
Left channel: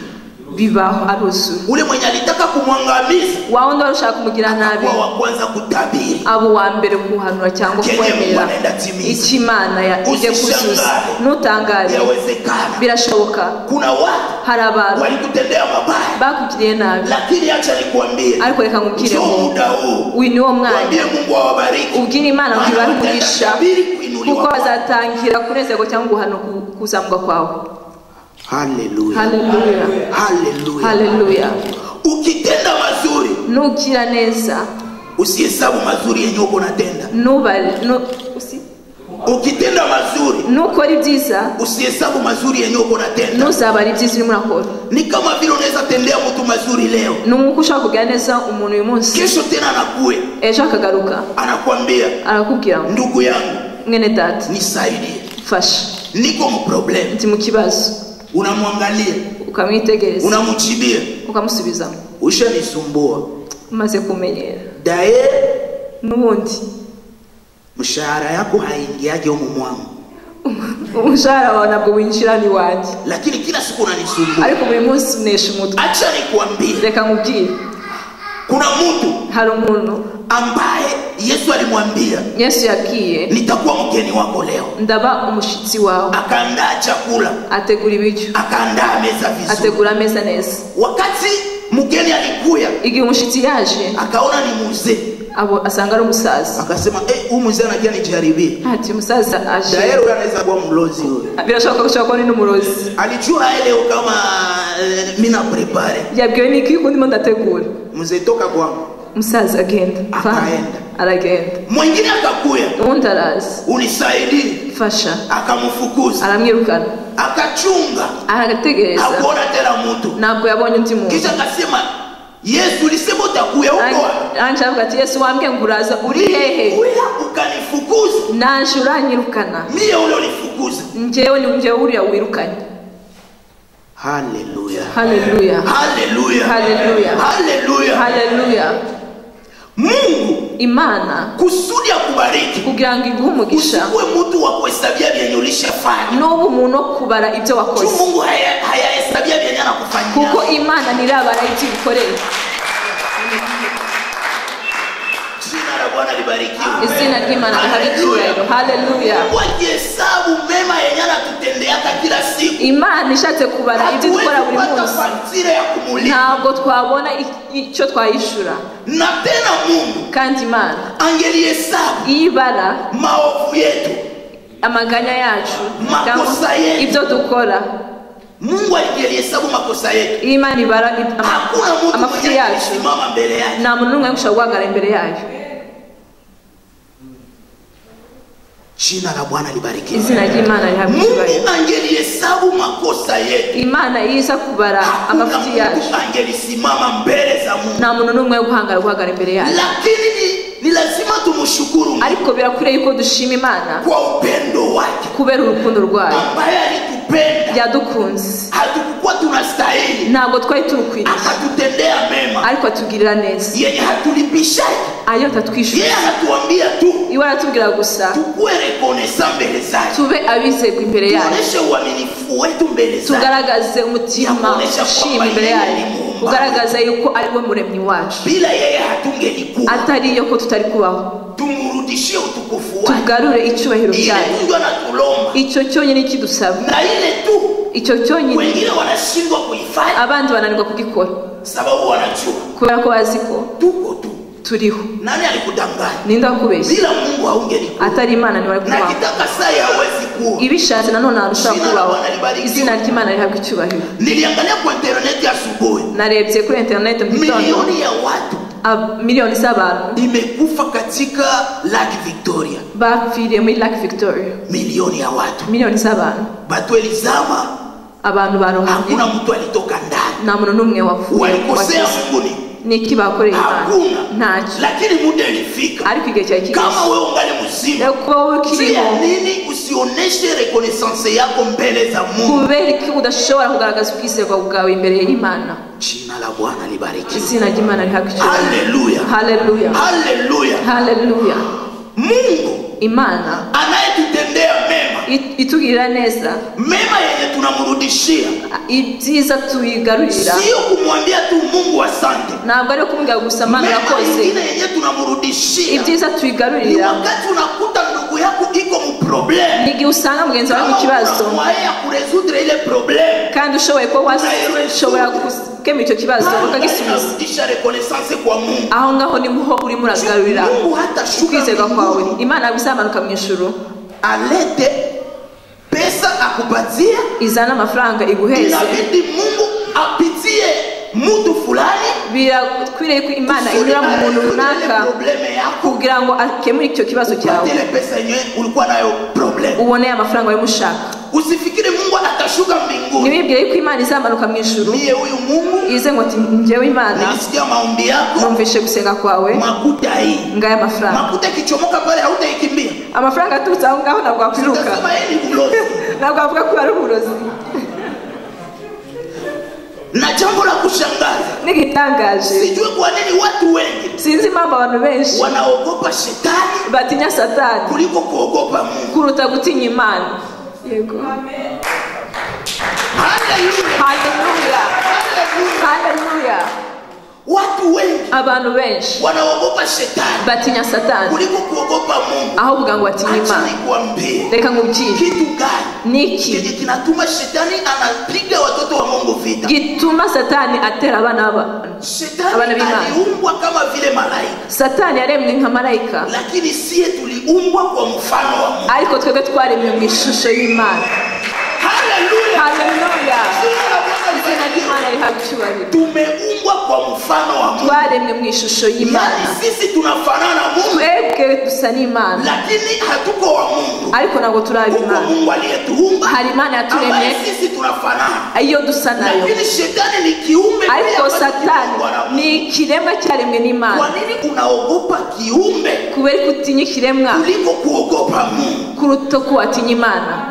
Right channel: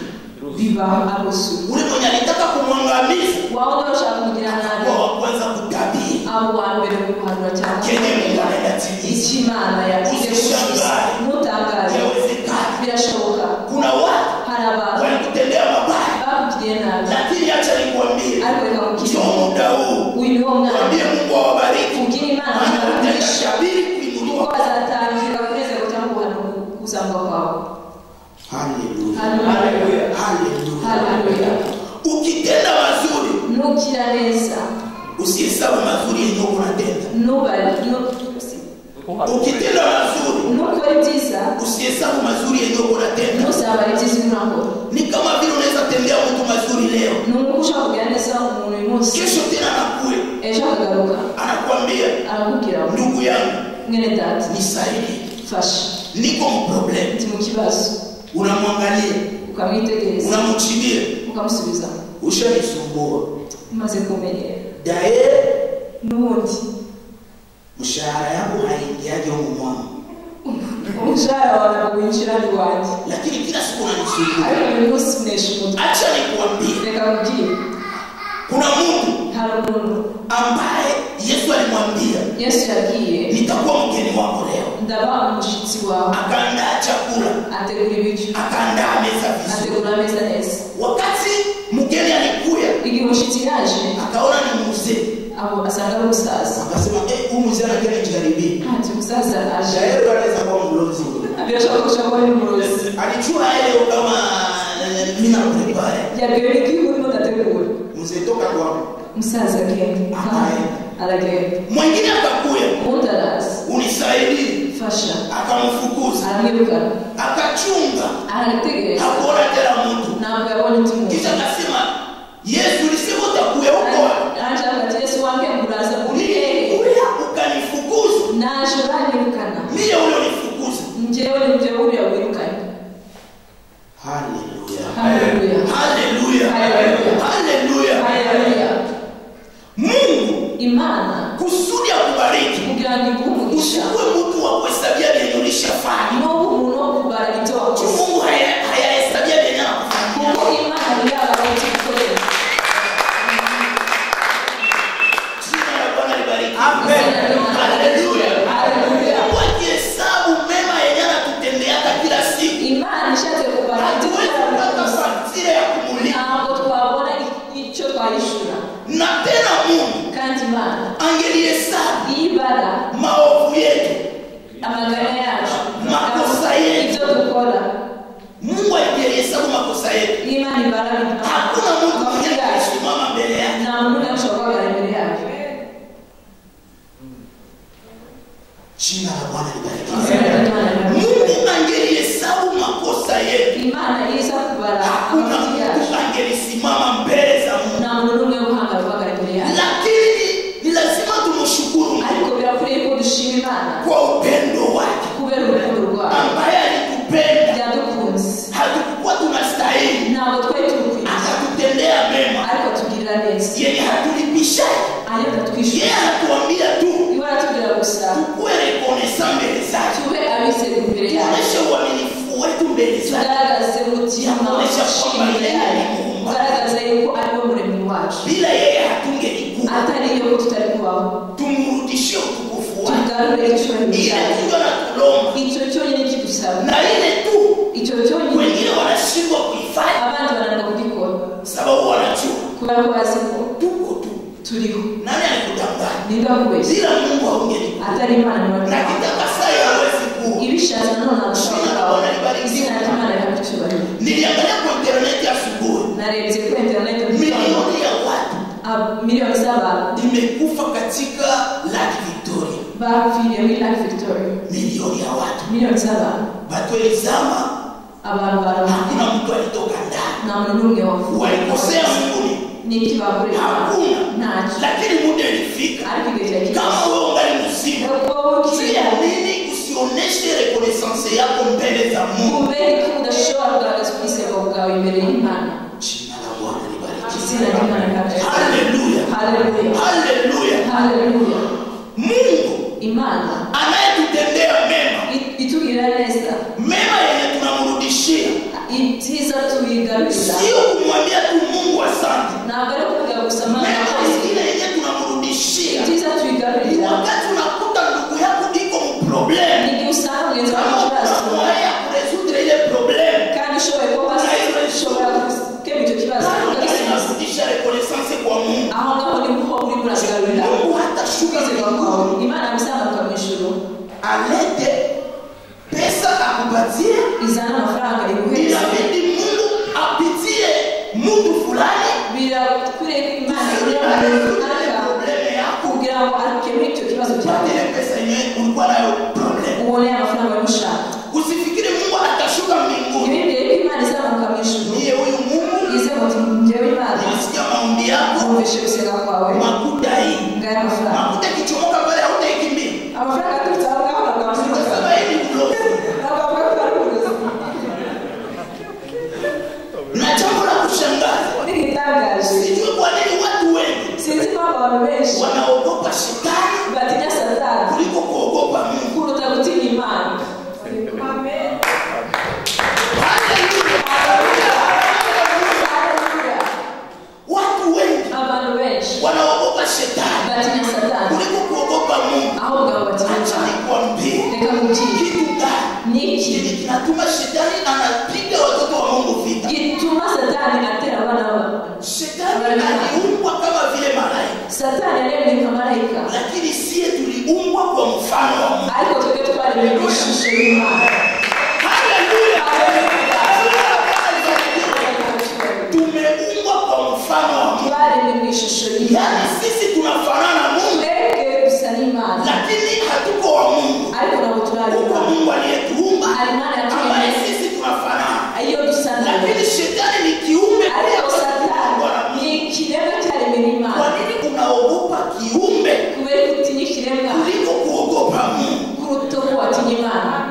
bibaho aruzuye. Ule mwenye alitaka kumwangamiza Waondo ushaka kumugira nabi wa kwanza kutabiri abo wa mbere kuhanura cyangwa kwemera ikimana ije kuzuza. Nutangare birashoboka kuna watu hari abantu walikutendea mabaya bakugiriye nabi, lakini acha nikwambie ariko reka nkubwire muda huu uyu niwo mwanya Mungu awabariki ubwira Imana ntibarukurisha kuko bazatangira kunezerwa cyangwa guhana kuzamuka kwawe. Haleluya, haleluya, haleluya, haleluya. Ukitenda mazuri nukira neza usihesabu mazuri yenye uko unatenda. Ukitenda mazuri nukora ibyiza usihesabu mazuri yenye uko unatenda. Nusabara ibyiza urimo urakora. Ni kama vile unaweza tendea mtu mazuri leo, nuko ushaka kugira neza umuntu uyu munsi, kesho tena anakuwe ejo akagaruka anakuambia, arakubwira ndugu yangu, mwene data, nisaidie, fasha, niko mu problem. Ndi mu kibazo. Unamwangalia, ukamwitegereza, unamchibia, ukamusubiza, ushanisumbua, umaze kumenyera. Dae nubundi mshahara yako haingiaje huko mwangu. Umushahara wawe ntabwo winjira ni wanjye, lakini kila siku unanisumbua. Ariko buri munsi unesha umutwe. Acha nikwambie, reka nkubwire, kuna mtu, hari umuntu ambaye Yesu alimwambia, Yesu yabwiye, nitakuwa mgeni wako leo, ndaba umushitsi wawe. Akaandaa chakula, ategura ibiryo, akaandaa meza vizuri, ategura meza neza. Wakati mgeni alikuya, igihe umushitsi yaje, akaona ni mzee, abo asanga ari umusaza, akasema huyu mzee anakia nijaribie. Ati umusaza aje, dae unaweza kuwa mlozi wewe. Birashoboka kushaka ni umurozi. Alijua leo kama mimi na prepare, yabwiye ni kiko ndimo ndategura. Mzee toka kwa umusaza agenda, aragenda. Mwingine akakuya, undi araza, unisaidie, fasha, akamfukuza, aramwirukana, akachunga, arategereza, akona tena mtu, ntabwo yabonye undi muntu. Kisha akasema, Yesu ulisema utakuya huko. Anje ati Yesu wambye nguraza uri hehe? Ukanifukuza. Naje uranyirukana. Mie ule unifukuza. Njewe ni njewe uri wirukanye. Haleluya. Haleluya. Haleluya. Haleluya. Haleluya. Haleluya. Mungu Imana kusudi akubariki, kugira ngo iguhe umugisha. Usiwe mtu wa kuhesabia vyenye ulishafanya. N'ubu umuntu kubara ibyo wakoze. Mungu hayahesabia vyenye anakufanyia. Kuko Imana nirabara ibyo ukorera. Jina la Bwana libariki. Jina la Imana haleluya. Haleluya. Kwa hesabu mema yenye anatutendea kila siku. Imana ishatse kubara ibyo dukora buri munsi. Ntabwo twabona icyo twayishura. Na tena Mungu kandi Imana angelihesabu ibara maovu yetu, amaganya yacu, makosa yetu, ibyo dukora. Mungu angelihesabu makosa yetu. Imana ibara hakuna mtu anayesimama mbele yake. Na muntu n'umwe ushobora guhagarara imbere yayo. Jina la Bwana libarikiwe. Izina ry'Imana libarikiwe. Mungu angelihesabu makosa yetu. Imana iza kubara amafuti yacu. Angelisimama mbele za Mungu. Na muntu n'umwe guhagarara imbere yayo. Lakini ni lazima tumshukuru. Ariko birakwiriye ko dushima Imana kwa upendo wake, kubera urukundo rwayo, ambaye alitupenda, yadukunze. Hatukuwa tunastahili, ntabwo twari turukwiriye, akatutendea mema, ariko atugirira neza, yeye hatulipisha, ayo tatwishyura. yeye anatuambia tu, iwe aratubwira gusa tukue reconnaissant mbele zake, tube abizego imbere yayo, tuoneshe uaminifu wetu mbele zake, tugaragaze umutima ushima imbere yayo, ugaragaze yuko ari we muremyi wacu. Bila yeye hatungelikuwa, atari iyo ko tutari kubaho. Tumurudishie utukufu wake, tugarure icyubahiro cyayo. Mungu anatulomba, icyo cyonyine kidusaba, na ile tu icyo cyonyine wengine wanashindwa kuifanya, abandi bananirwa kugikora sababu wanajua, kubera ko bazi ko tuko tu turiho. Nani alikudanganya? Ninda kubeshya. Bila Mungu haungelikuwa. Atari Imana ni wako. Na kitaka saa hawezi kuwa. Ibishaze na none arushakuwa. Izina ry'Imana rihabwa icyubahiro. Niliangalia kwa internet asubuhi. Narebye kuri internet mu gitondo. Milioni ya watu, milioni z'abantu imekufa katika Lake Victoria. Bapfiriye muri Lake Victoria. Milioni ya watu. Milioni z'abantu. Batu elizama. Abantu barumye. Hakuna mtu alitoka ndani. Na muntu n'umwe wafuye. Walikosea Mungu ni niki bakoreye hakuna ntacyo, lakini muda ilifika. Ariko igihe cyakije, kama wewe ungali mzima, nini usioneshe reconnaissance yako mbele za Mungu? Kubera ko udashobora kugaragaza ukwiseva bwawe imbere y'Imana. Jina la Bwana libariki. Izina ry'Imana rihakije. Haleluya. Haleluya. Haleluya. Haleluya. Mungu Imana anayetutendea mema itugirira neza mema yenye tunamrudishia ibyiza tuyigarurira sio kumwambia tu Mungu asante ntabwo ari kumubwira gusa Mana yakoze yenye tunamrudishia ibyiza tuyigarurira wakati unakuta ndugu yako iko mu problem nigi usanga mugenzi wawe ikibazo kuresoudre ile problem kandi ushoboye ko washobora gukemura icyo kibazo ukagisubiza reconnaissance kwa Mungu aho ngaho ni muho uri muragarurira Mungu hata kwizera kwawe Imana bizamanuka mu ijuru alete pesa akupatia izana amafaranga iguheze inabidi Mungu apitie mtu fulani birakwiriye ko Imana inyura mu muntu runaka kugira ngo akemure icyo kibazo cyawe ile pesa yenyewe ulikuwa nayo problem ubone amafaranga yo mushaka usifikire Mungu atashuka mbinguni nibibwire ko Imana izamanuka mu ijuru niye huyu Mungu ize ngo ati njyewe Imana nisikia maombi yako numvishe gusenga kwawe makuta hii ngaya amafaranga makuta kichomoka pale hautaikimbia amafaranga aturutse aho ngaho ntabwo wakwiruka ntabwo wavuga ko ari uburozi na jambo la kushangaza n'igitangaje sijui kwa nini watu wengi sinzi impamvu abantu benshi wanaogopa shetani batinya Satani kuliko kuogopa Mungu kuruta gutinya Imana. Amen. Haleluya. Haleluya. Watu wengi abantu benshi wanaogopa shetani batinya Satani kuliko kuogopa Mungu. aho kugira ngo batinye Imana. Reka ngubwire kitu gani niki kinatuma shetani anapiga watoto wa Mungu vita? gituma Satani atera abana Shetani aliumbwa kama vile malaika. Satani yaremwe nka malaika, lakini sie tuliumbwa kwa mfano wa Mungu. ariko twebwe twaremwe mu ishusho y'Imana. Haleluya. Haleluya. Tumeumbwa kwa mfano wa Mungu. Twaremwe mu ishusho y'Imana. Yani sisi tunafanana na Mungu. Twebwe dusa n'Imana. Lakini hatuko wa Mungu. Ariko nabo turi Imana. Mungu aliyetuumba. Hari Imana yaturemye. Sisi tunafanana. Iyo dusa nayo. Lakini shetani ni kiumbe. Ariko Satani ni ikiremwa cyaremwe n'Imana. Kwa nini unaogopa kiumbe? Kubera kutinya ikiremwa kuliko kuogopa Mungu. Kuruta kuwatinya Imana.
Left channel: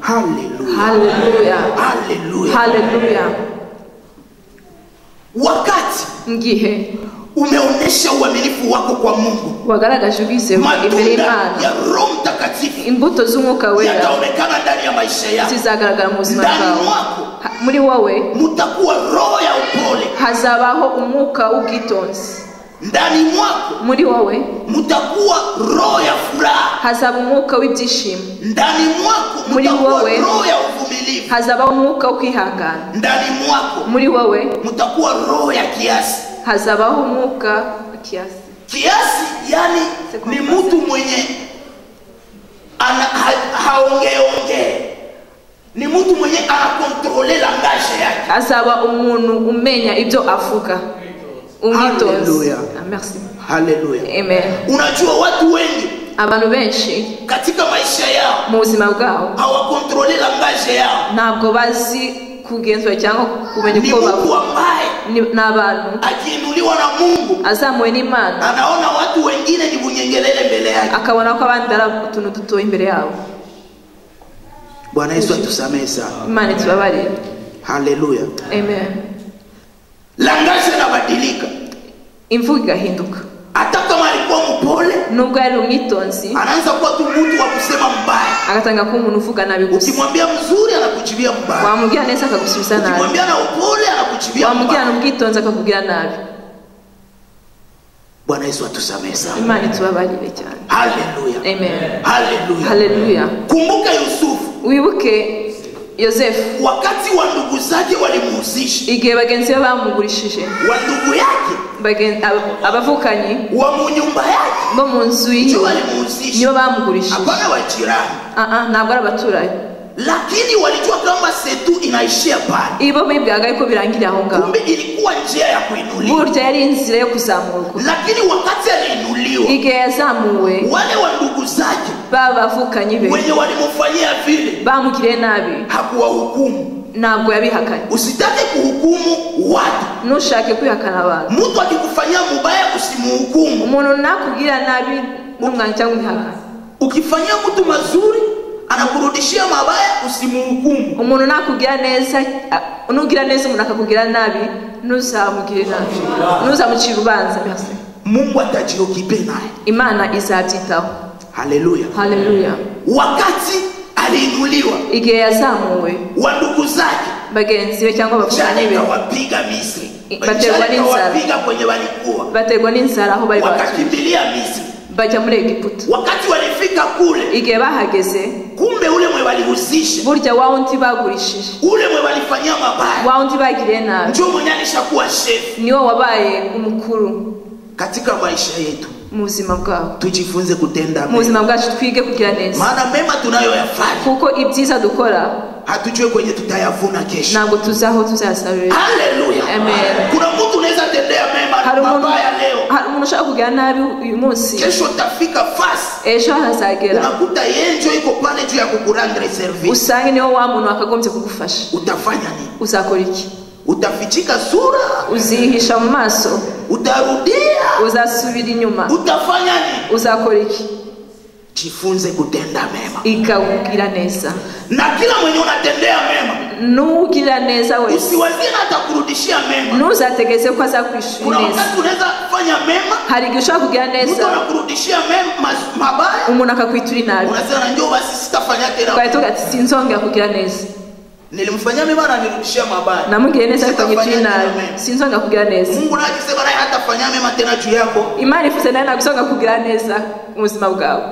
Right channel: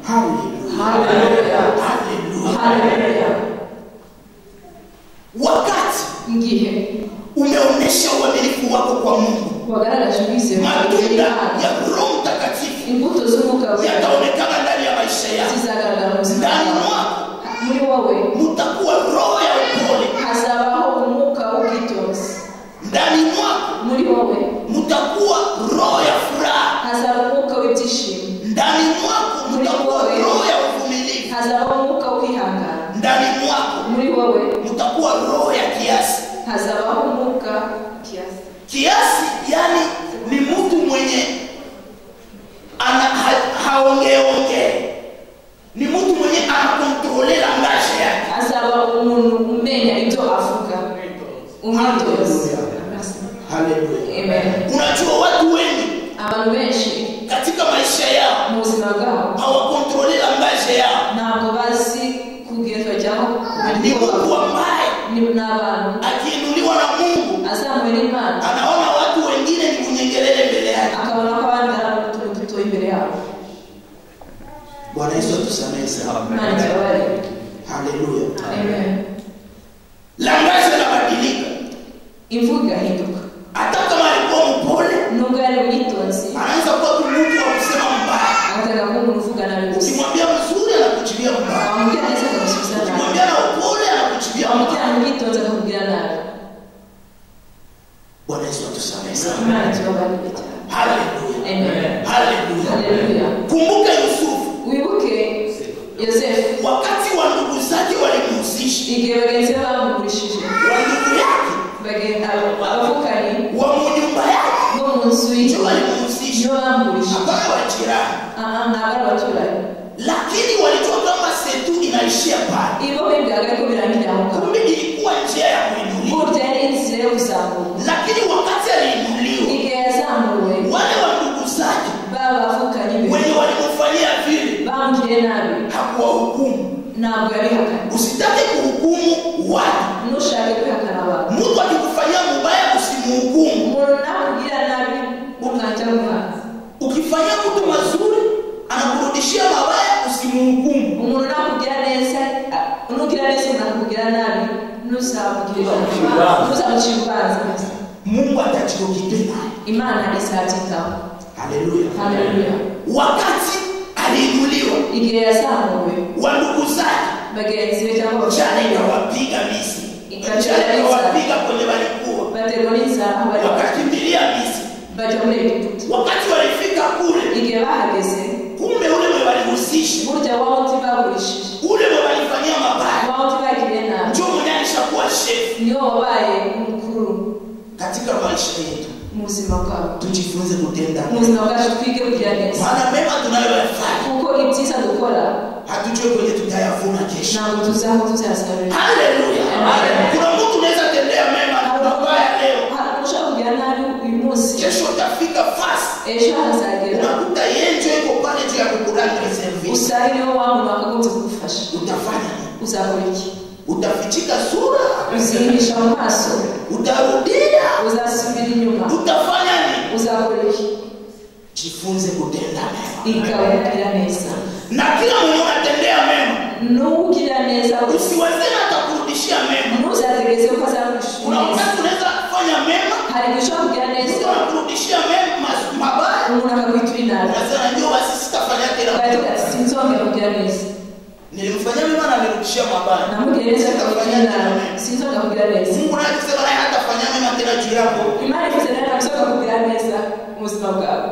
Haleluya. Haleluya. Haleluya. Haleluya. Wakati ngihe umeonesha uaminifu wako kwa Mungu, wagaragaje ubizero imbere y'Imana, ya Roho Mtakatifu, imbuto z'umwuka wera yataonekana ndani ya maisha yako, zizagaragara mu buzima bwawe. Muri wowe mutakuwa roho ya upole, hazabaho umwuka w'ubwitonzi. ndani mwako muri wowe mutakuwa roho ya furaha, hazaba umwuka w'ibyishimo. ndani mwako mutakuwa roho ya uvumilivu, hazabaho umwuka wo kwihangana. ndani mwako muri wowe mutakuwa roho ya kiasi, hazabaho umwuka wa kiasi. Kiasi yani ni mtu mwenye haongeongee, ni mtu mwenye anakontrole langage yake, hazaba umuntu umenya ibyo avuga. Haleluya. Merci. Haleluya. Amen. Unajua watu wengi abantu benshi katika maisha yao mu buzima bwabo hawakontrole langage yao, ntabwo bazi kugenzura cyangwa kumenya uko bavuga. N'abantu akiinuliwa na Mungu, azamuwe n'Imana, anaona watu wengine ni bunyengelele mbele yake, akabona ko abandi ari utuntu duto imbere yabo. Bwana Yesu atusamehe sana. Imana tubabarire. Haleluya. Amen. Langage inabadilika, imvugo igahinduka. Hata kama alikuwa mpole, nubwo yari umwitonzi, anaanza kuwa mtu wa kusema mbaya, agatanga kuba umuntu uvuga nabi gusa. Ukimwambia mzuri anakuchibia mbaya, wamubwira neza akagusubiza nabi, ukimwambia na upole anakuchibia mbaya, wamubwira n'umwitonzi akakubwira nabi. Bwana Yesu atusamehe sana. Imana tubabarire cyane. Haleluya. Amen. Haleluya. Haleluya. Kumbuka Yusufu, wibuke Yosefu, wakati wa ndugu zake walimuhusisha, igihe bagenzi be bamugurishije, wa ndugu yake abavukanyi wa mu nyumba yake bo mu nzu ye walimuhusisha, niyo bamugurishije, hapana wajirani, ntabwo ari abaturanyi, lakini walijua kama setu inaishia pale. ibo bibwiraga ko birangirira aho ngaho. Kumbe ilikuwa njia ya kuinuliwa, burya yari inzira yo kuzamurwa. Lakini wakati aliinuliwa, igihe yazamuwe, wale wa ndugu zake bavukanye be wenye walimufanyia vile bamugiriye nabi, hakuwahukumu. ntabwo yabihakanye. Usitake kuhukumu watu, ntushake kwihakana abantu. Mtu akikufanyia mubaya usimuhukumu. Umuntu nakubwira nabi n'umwana cyangwa umwana, ukifanyia mtu mazuri anakurudishia mabaya usimuhukumu. umuntu nakubwira neza, unugira neza umuntu akakubwira nabi, ntuzamugire nabi, ntuzamucire urubanza. Mungu atachirokipe naye, Imana izabyitaho. Haleluya. Haleluya. Wakati aliinuliwa, igihe yazamuwe, wa ndugu zake bagenzi be cyangwa abavandimwe ikawapiga Misri, ikawapiga kwenye walikuwa, bategwa n'inzara aho bari, wakakimbilia Misri, bajya muri Egiputa. Wakati walifika kule, igihe bahageze, kumbe ule mwe walihusisha, burya wawundi bagurishije, ule mwe walifanyia mabaya, wawundi bagiriye nabi, ndio mwenye alishakuwa chef, niyo wabaye mukuru. Katika maisha yetu mu buzima bwawe tujifunze kutenda mu buzima bwacu, twige kugira neza, maana mema tunayoyafanya kuko ibyiza dukora hatujue kwenye tutayavuna kesho. ntabwo tuzaho tuzasarura. Haleluya. Amen. Kuna mtu unaweza tendea mema mabaya leo, umuntu ushaka kugira nabi uyu munsi, kesho utafika fast, ejo hazagera unakuta yenjo iko pale juu ya kukurendre service, usange niwo wa muntu wakagombye kugufasha. Utafanya nini? Uzakora iki? Utafichika sura, uzihisha mu maso, utarudia, uzasubira inyuma, utafanya nini? Uzakora iki? Jifunze kutenda mema, ikaubwira neza, na kila mwenye unatendea mema nugira neza wewe, usiwazina atakurudishia mema. Nuzategeze ko azakwishura. Kuna wakati unaweza kufanya mema, hari gishobora kugira neza, Mungu anakurudishia mema mabaya, umuntu akakwitura nabi, unasema ndio basi sitafanya tena. Kwa hiyo ati sinzongera kugira neza, nilimfanyia mema na nirudishia mabaya, namugire neza akakwitura nabi, sinzongera kugira neza. Mungu anasema naye hatafanya mema tena juu yako. Imani ifite naye nagusoga kugira neza mu buzima bwawe.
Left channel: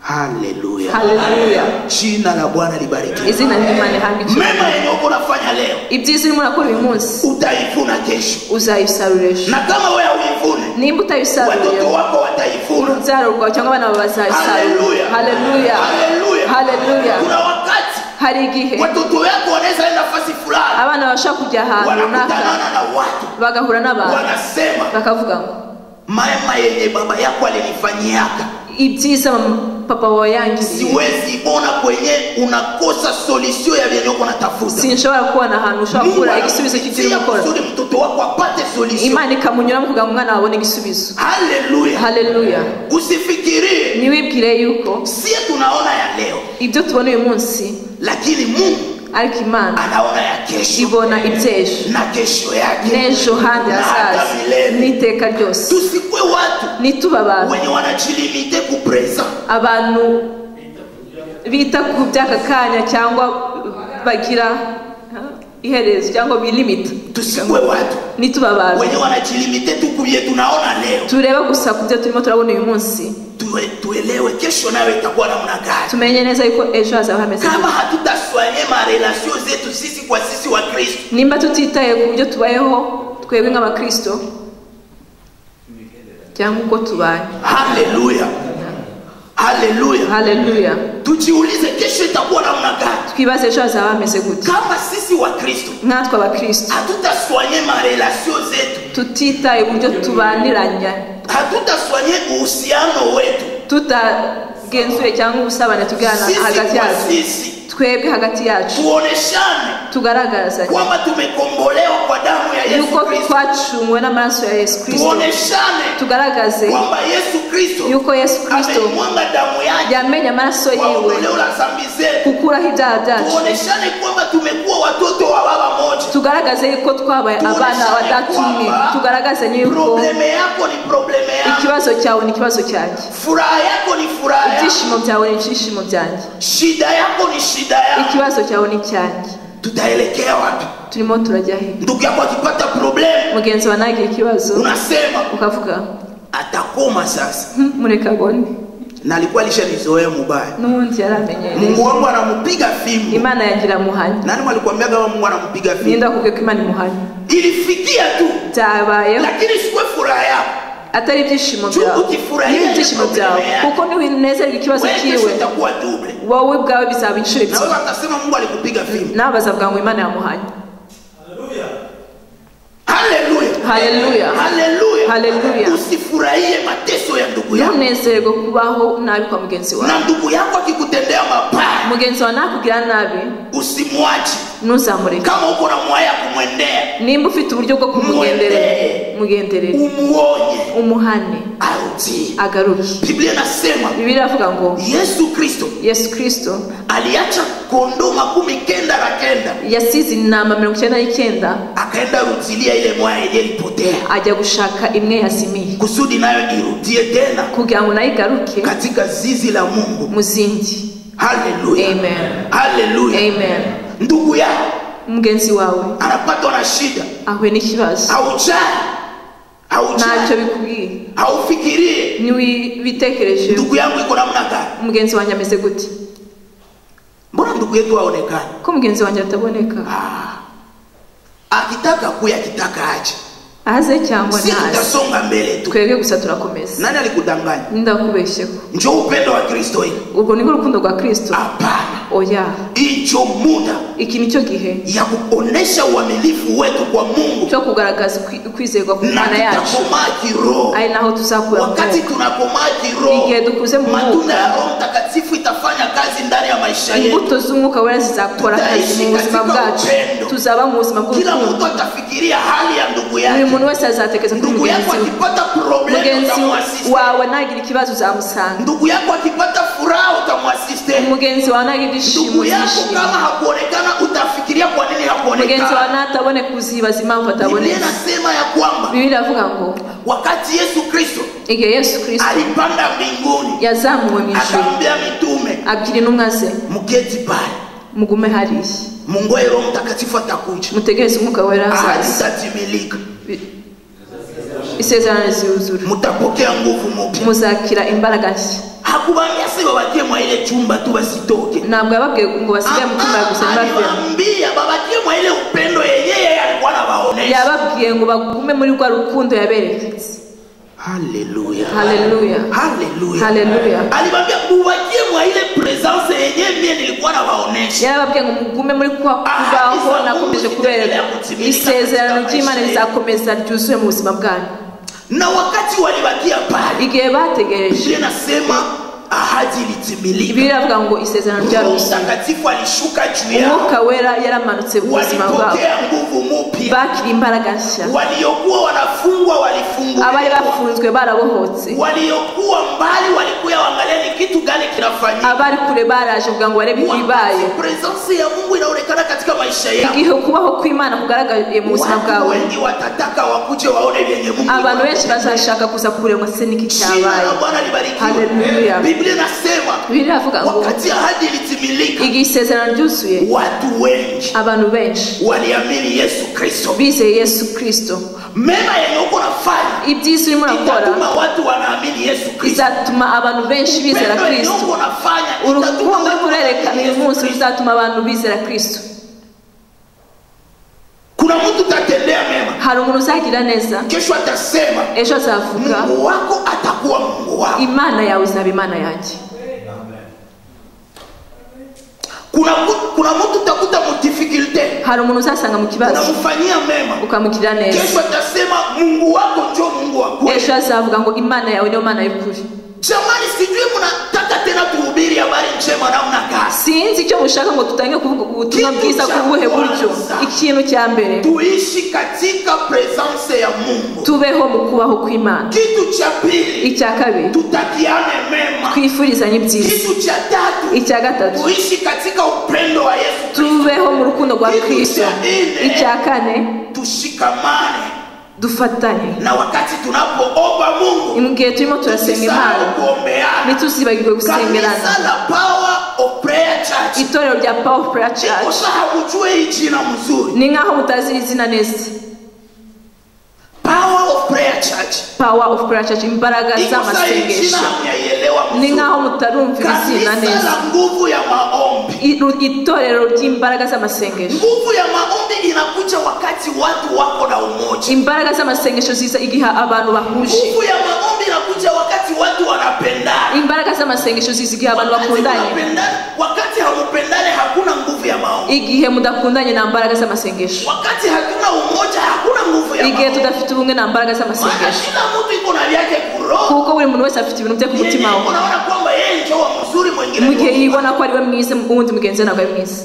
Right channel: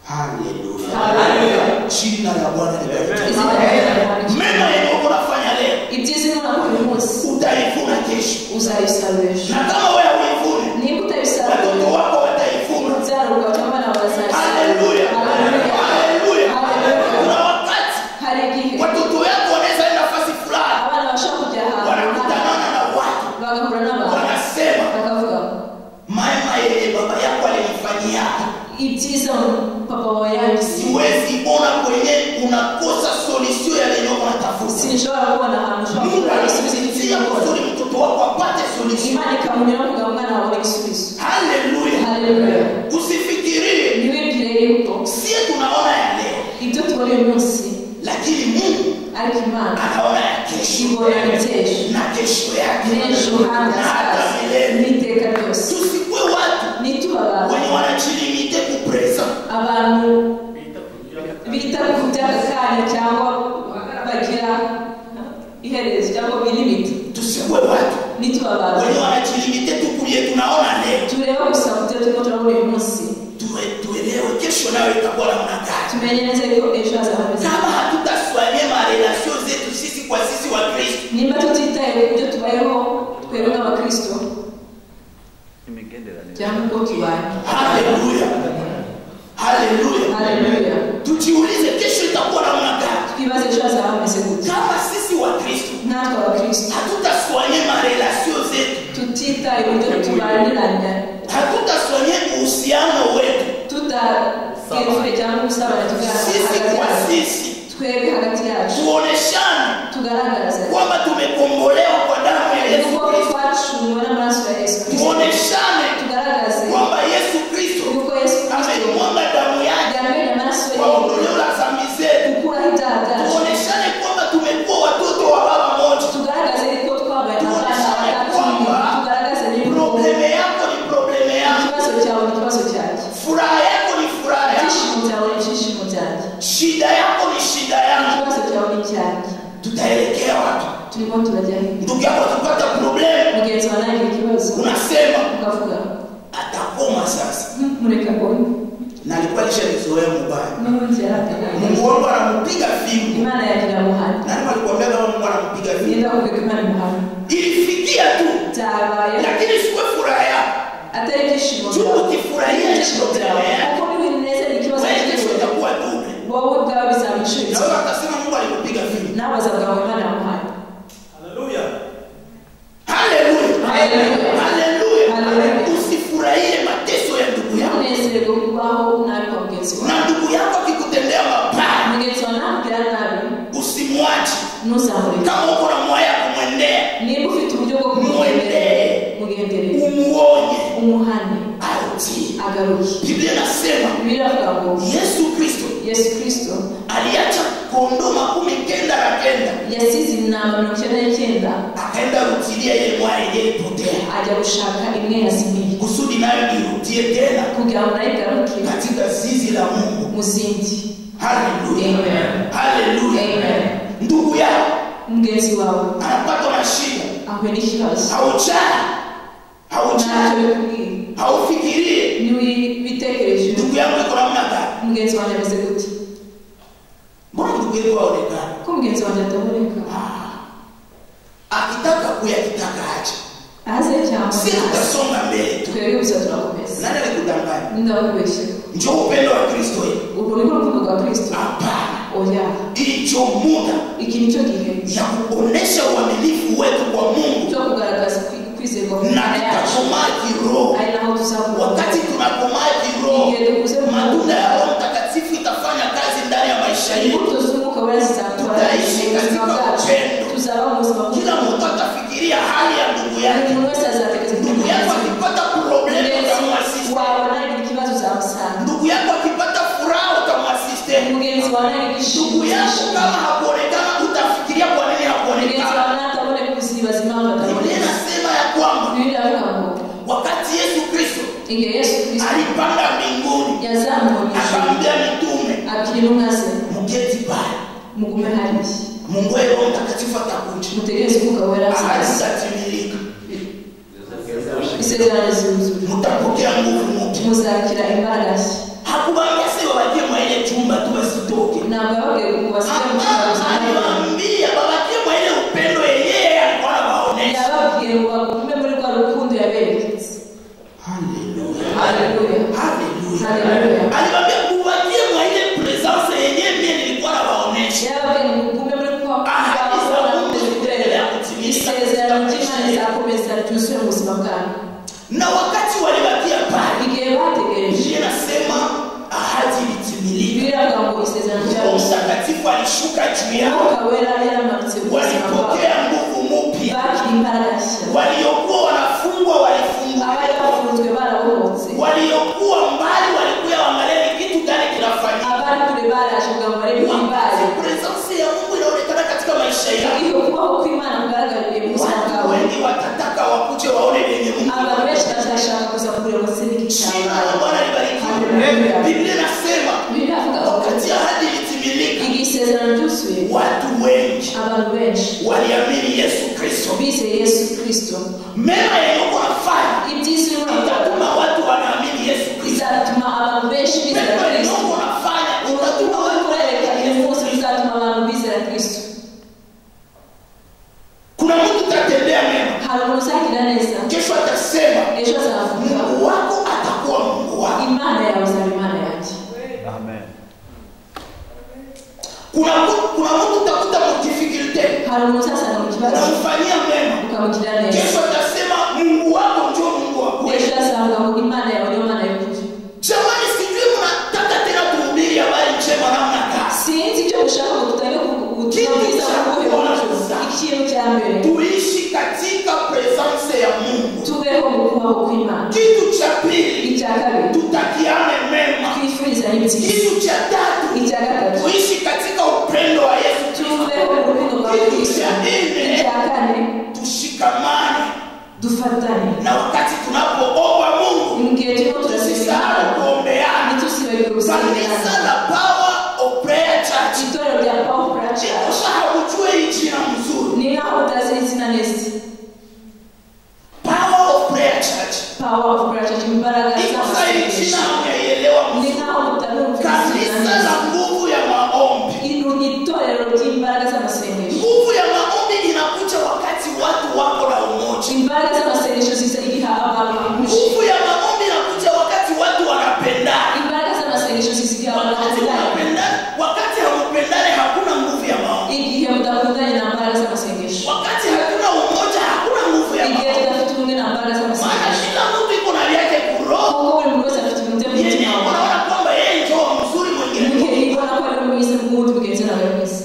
Haleluya. Haleluya. Jina la Bwana libarikiwe. Izina la Bwana libarikiwe. Mema yenye unafanya leo, ibyiza urimo urakora uyu munsi, utaivuna kesho. Uzayisarura ejo. Na kama wewe uivune, nimba utayisarura, watoto wako wataivuna. Urubyaro rwawe cyangwa abana bazayisarura. Haleluya. Haleluya. Haleluya. Haleluya. Kuna wakati hari igihe watoto wako wanaweza enda nafasi fulani, abana bashaka kujya ahantu wanakutana na watu, bagahura n'abantu, wanasema bakavuga mema yenye baba yako alinifanyiaka, ibyiza papa wawe yangize, siwezi ona kwenye unakosa solution ya yenye uko unatafuta. sinshobora kubona ahantu ushobora kubura igisubizo cy'ibyo ukora. Kusudi mtoto wako apate solution, Imana ikamunyura kugira ngo umwana abone igisubizo. Haleluya. Haleluya. Usifikirie, niwibwire yuko sie tunaona ya leo, ibyo tubona uyu munsi, lakini Mungu ariko Imana anaona ya kesho, ibona iby'ejo na kesho yake, n'ejo handi hazaza n'iteka ryose. Tusikwe watu nituba abantu wenye wanajilimite ku present, abantu bita ku by'aka kanya cyangwa bagira iherezo cyangwa bilimite. Tusikwe watu nituba abantu wenye wanajilimite tukuye tunaona leo, tureba gusa ku byo turimo turabona uyu munsi, tuelewe kesho nayo itakuwa namna gani. tumenye neza yuko ejo hazaba hameze kama hatutaswanye ma relation zetu sisi kwa sisi wa Kristo, nimba tutitaye ku byo tubayeho twebwe nk'abakristo cyangwa uko tubaye. Haleluya. Haleluya. Haleluya. Tujiulize kesho itakuwa namna gani, twibaze ejo hazaba hameze gute. kama sisi wa Kristo nkatwe abakristo hatutaswanye ma relation zetu, tutitaye ku byo tubaniranya, hatutaswanye uhusiano wetu, tutagenzure cyangwa ubusabane tugirana hagati yacu, twebwe hagati yacu tuoneshane, tugaragaza kwamba tumekombolewa kwa damu ya Yesu yuko Kristo, twacungwe n'amaraso ya Yesu Kristo, tuoneshane tugaragaze kwamba Yesu Kristo yuko Yesu Kristo amemwaga damu yake yamenye amaraso kwa yiwe ondoleo la dhambi zetu, gukuraho ibyaha byacu, tuoneshane kwamba tumekuwa watoto wa baba moja, tugaragaze yuko twabaye abana batatu, tugaragaze yuko probleme yako ni probleme yangu, ikibazo cyawe ni ikibazo cyanjye, furaha yako ni furaha yangu, ibyishimo byawe ni ibyishimo byanjye, shida yako ni shida yangu. ikibazo cyawe ni cyanjye. Tutaelekea wapi? turimo turajya he? Ndugu yako akipata problem, mugenzi wawe nagira ikibazo, unasema ukavuga atakoma sasa, mureka gone, na alikuwa alishalizoea mubaya, n'ubundi yaramenye. Mungu wangu anampiga fimbo. Imana yagira muhani. Nani walikwambia kama Mungu anampiga fimbo? Nienda kubwira ko Imana muhani. Ilifikia tu, byabaye, lakini sikuwe furaha yako, atari ibyishimo byawe, ukifurahia ibyishimo byawe, kuko niwinezerwa ikibazo kiwe, itakuwa double, wowe bwawe bizaba inshuro na ebyiri. wewe utasema Mungu alikupiga fimbo, nawe bazavuga ngo Imana yamuhanye. Haleluya. Haleluya. Haleluya. Haleluya. Usifurahie mateso ya ndugu yako, unezerwe kubaho nabi kwa mugenzi wawe, na ndugu yako akikutendea mabaya, mugenzi wawe nakugira nabi, usimwache. ntuzamureke. Kama uko na mwaya kumwendea, nimba ufite uburyo bwo kumugendera mugenderere umuonye umuhane arudi agaruke. Biblia inasema Biblia inavuga ngo Yesu Kristo aliacha kondoo 99 yasize intama 99 akaenda rutilia ile moja ilipotea ajya gushaka imwe yazimiye kusudi nayo irudie tena kugira ngo nayo igaruke katika zizi la Mungu muzindi. Haleluya, amen, haleluya, amen. Ndugu yako mugenzi wawe anapatwa na shida, ahuye n'ikibazo, ntacyo bikubwiye, haufikirie ntiwibitekereje, ndugu yangu iko namna gani, mugenzi wanjye ameze gute, mbona ndugu yetu aonekana ko mugenzi wanjye ataboneka, akitaka akitaka aje aze cyangwa ntaze, tutasonga mbele tu, twebwe gusa turakomeza. Nani alikudanganya? Ndakubeshyeko njoo upendo wa Kristo hii, ubwo niko urukundo rwa Kristo? Hapana, oya, icho muda iki nicyo gihe ya kuonesha uaminifu wetu kwa Mungu, cyo kugaragaza kwizerwa ku Mana yacu, ari naho tuzakura. Wakati tunakomaa kiroho, igihe dukuze mu matunda ya Roho Mtakatifu itafanya kazi ndani ya maisha yetu, imbuto z'Umwuka Wera zizakora kazi mu buzima bwacu, tuzaba mu buzima bw'urukundo. Kila mtu atafikiria hali ya ndugu yake, buri muntu wese azatekereza ku ndugu yako akipata problem utamwasiste, wawe nagira ikibazo uzamusanga, ndugu yako akipata furaha utamwasiste, mugenzi wawe nagira ishimo, ndugu yako kama hakuonekana utafikiria kwa nini hakuonekana, mugenzi wawe nataboneka uzibaza impamvu ataboneka. Inasema ya kwamba Biblia inavuga ngo wakati Yesu Kristo alipanda mbinguni, yazamuwe mu ijuru, akaambia mitume, abwira intumwa ze, muketi pale, mugume hariya, Mungu Roho Mtakatifu atakuja, mutegereze Umwuka Wera atatimilika, isezerano rizuzura, mutapokea nguvu mpya, muzakira imbaraga nshya. Hakuwaambia sasa wabakie mwa ile chumba tu basitoke, ntabwo yababwiye ngo basige mu cyumba gusa, aliwaambia babakie mwa ile upendo yeye alikuwa anawaonesha, yababwiye ngo bagume muri rwa rukundo yabereketse. Haleluya, haleluya, haleluya, haleluya. Aliwaambia mubakie mwa ile presence yeye mimi nilikuwa nawaonesha, yababwiye ngo mugume muri kwa kubaho nakomeje kubera isezerano ry'Imana rizakomeza ryuzuye mu buzima bwanyu. Na wakati walibakia pale, igihe bategereje, inasema ahadi ilitimilika. Biblia inavuga ngo isezerano ryarose, Mtakatifu alishuka juu yao, Umwuka Wera yaramanutse mu buzima bwabo, walipokea nguvu mpya, bakira imbaraga nshya, waliokuwa wanafungwa walifunguliwa, abari bafunzwe barabohotse, waliokuwa mbali walikuwa waangalia ni kitu gani kinafanyika, abari kure baraje kugira ngo barebe ibibaye. Presence ya Mungu inaonekana katika maisha yao, igihe kubaho kw'Imana kugaragaye mu buzima bwawe, wengi watataka wakuje waone vyenye Mungu, abantu benshi bazashaka kuza kureba se niki cyabaye. Haleluya. Biblia inasema, Biblia inavuga ngo wakati ahadi ilitimilika, igihe isezerano ryuzuye, watu wengi, abantu benshi waliamini Yesu Kristo, bizeye Yesu Kristo. Mema yenye uko nafanya, ibyiza urimo urakora, watu wanaamini Yesu Kristo, bizatuma abantu benshi bizera Kristo. Urukundo kurereka uyu munsi bizatuma abantu bizera Kristo. Kuna mtu utatendea mema, hari umuntu uzagira neza, kesho atasema, ejo azavuga, Mungu wako atakuwa Mungu wako, Imana yawe izaba Imana yanjye. Amen. Kuna mtu utakuta mu difficulty, hari umuntu uzasanga mu kibazo, unamfanyia mema, ukamugirira neza, kesho atasema Mungu wako ndio Mungu wako, ejo azavuga ngo Imana yawe niyo Mana y'ukuri. Jamani, sijui mnataka tena kuhubiri habari njema namna gani? Sinzi icyo mushaka ngo tutange kuvuga ubutumwa bwiza kubuhe buryo. Ikintu cya mbere, tuishi katika presence ya Mungu, tubeho mu kubaho kw'Imana. Kitu cha pili, icya kabiri, tutakiane mema, twifurizanye ibyiza. Kitu cha tatu, icya gatatu, tuishi katika upendo wa Yesu, tubeho mu rukundo rwa Kristo. Icya kane, tushikamane, dufatane. Na wakati tunapoomba Mungu, igihe turimo turasenga Imana, ntituzibagirwe gusengerana. Kanisa la Power of Prayer Church, itorero rya Power of Prayer Church, usahujue jina mzuri, ni nkaho mutazi izina neza. Power of Prayer Church, Power of Prayer Church, imbaraga z'amasengesho. Ni nkaho mutarumva izina neza. Kanisa la nguvu ya maombi, itorero ry'imbaraga z'amasengesho. Nguvu ya maombi inakuja wakati watu wako na umoja. Imbaraga z'amasengesho ziza igihe abantu bahuje. Nguvu ya maombi inakuja wakati watu wanapendana. Imbaraga z'amasengesho ziza igihe abantu bakundanye. Wakati hamupendane hakuna nguvu ya maombi. Igihe mudakundanye na mbaraga z'amasengesho. Wakati hakuna umoja hakuna nguvu ya maombi. Igihe tudafite ubumwe na mbaraga z'amasengesho. Kila mtu iko na vyake kuroho. Kuko buri muntu wese afite ibintu bye ku mutima we. Unaona kwamba yeye ndio mzuri mwingine. Mugihe yibona ko ari we mwiza, mu wundi mugenzi nawe mwiza.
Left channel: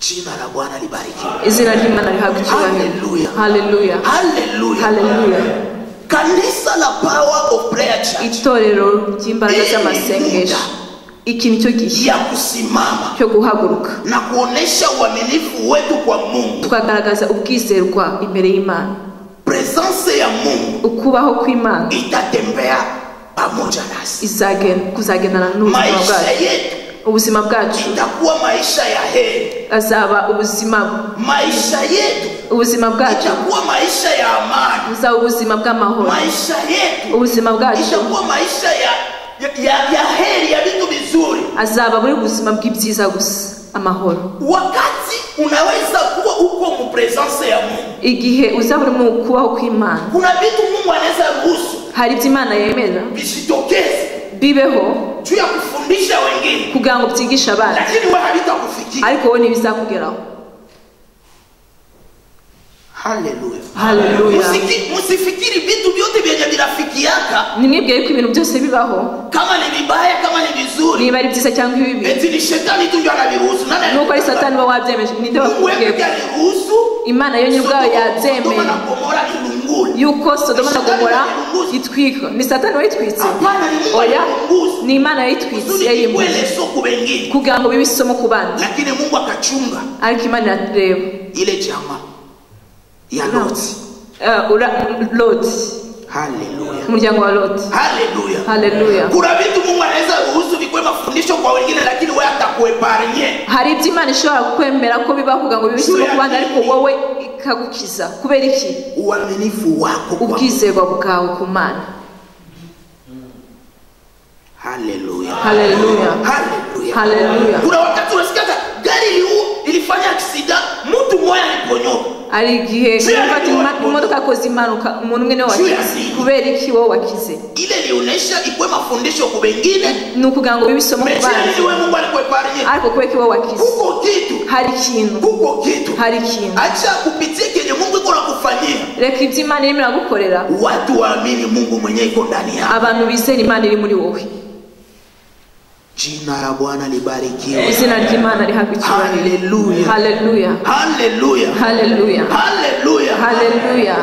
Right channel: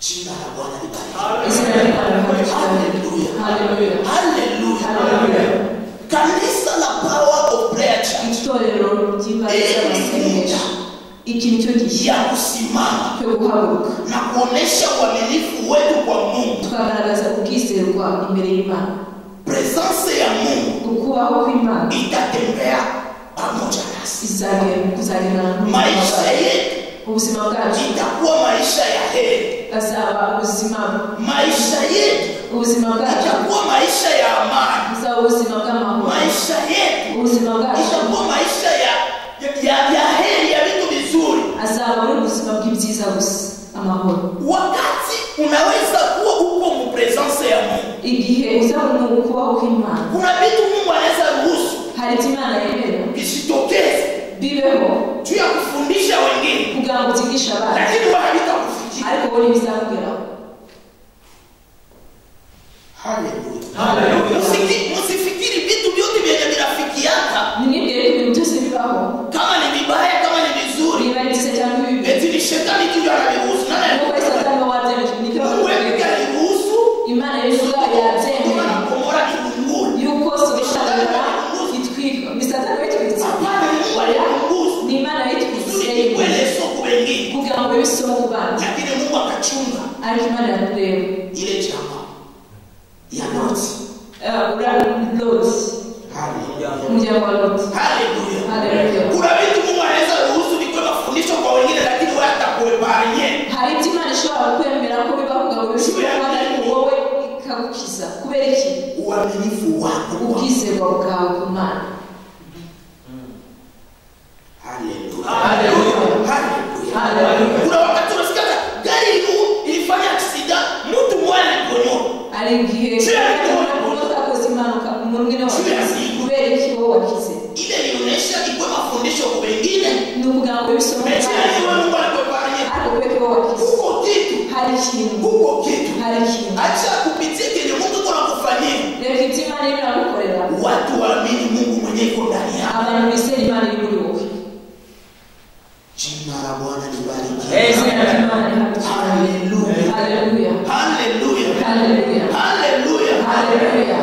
Jina la Bwana libariki. izina ry'Imana rihabwe icyubahiro. Hallelujah. Hallelujah. Hallelujah. Hallelujah. Kanisa la Power of Prayer Church Itorero ry'imbaraga z'amasengesho, iki nicyo gihe ya kusimama cyo guhaguruka na kuonesha uaminifu wetu kwa Mungu, tukagaragaza ubwizerwa imbere y'Imana. presence ya Mungu Ukubaho kw'Imana itatembea pamoja nasi. kuzagendana n'ubuzima Maisha bwacu. yetu Ubuzima bwacu itakuwa maisha ya heri. azaba ubuzima, Maisha yetu ubuzima bwacu itakuwa maisha ya amani. buzaba ubuzima bw'amahoro. Maisha yetu Ubuzima bwacu itakuwa maisha ya heri, ya vitu vizuri. azaba buri ubuzima bw'ibyiza gusa, amahoro. Wakati unaweza kuwa uko mu presence ya Mungu, Igihe uzaba uri mu kubaho kw'Imana, kuna vitu Mungu anaweza ruhusu hari ibyo Imana yemera visitokeze bibeho juu ya kufundisha wengine, kugira ngo byigishe abandi, lakini wewe havitakufikia. ariko wowe ntibizakugeraho. Haleluya. Haleluya. Msifikiri vitu vyote vyenye vinafikiaka Nimwibwire ko ibintu byose bibaho, kama ni vibaya kama ni vizuri niba ari byiza cyangwa ibibi, eti ni shetani tu ndio anaviruhusu. Nani nuko ari Satani we wabyemeje. Nibyo Mungu yeye bakubwiye, aliruhusu Imana yo ubwayo yabyemeye na Gomora ilunguni. yuko Sodoma na Gomora itwikwa. Ni Satani wayitwitse? Hapana, ni Mungu Oya, aliruhusu. ni Imana yayitwitse, Kusudi yayimuye kikwele soko wengine. kugira ngo bibe isomo ku bandi, Lakini Mungu akachunga ariko Imana irareba. ile jamaa ya Loti. Loti, Haleluya. umuryango wa Loti. Haleluya. Haleluya. Kuna vitu Mungu anaweza ruhusu vikwe mafundisho kwa wengine, lakini wewe atakueparnye. Hari ibyo Imana ishobora kukwemera ko bibaho kugira ngo bibe isomo ku bandi, ariko wowe ikagukiza. Kubera iki? Uaminifu wako kwa Ubwizerwa bwawe ku Mana. Haleluya. Haleluya. Haleluya. Haleluya. Kuna wakati unasikia gari ilifanya accident, mtu mmoja aliponyoka. Hari igihe imodoka yakoze impanuka, umuntu umwe niwe wakize. Kubera iki wowe wakize? Ile ilionyesha ikwe mafundisho kwa wengine. Ni ukugira ngo bibe isomo ku bandi, Mungu alikueparnye. ariko kubera ko wowe wakize. Huko kitu. Hari ikintu, Huko kitu. hari ikintu. Acha kupitia kenye Mungu iko nakufanyia. Reka ibyo Imana irimo iragukorera, Watu waamini Mungu mwenyewe iko ndani yao. abantu bizera Imana iri muri wowe. Jina la Bwana libarikiwe. Izina ry'Imana rihabwe icyubahiro. Haleluya. Haleluya. Haleluya. Haleluya. Haleluya. Haleluya.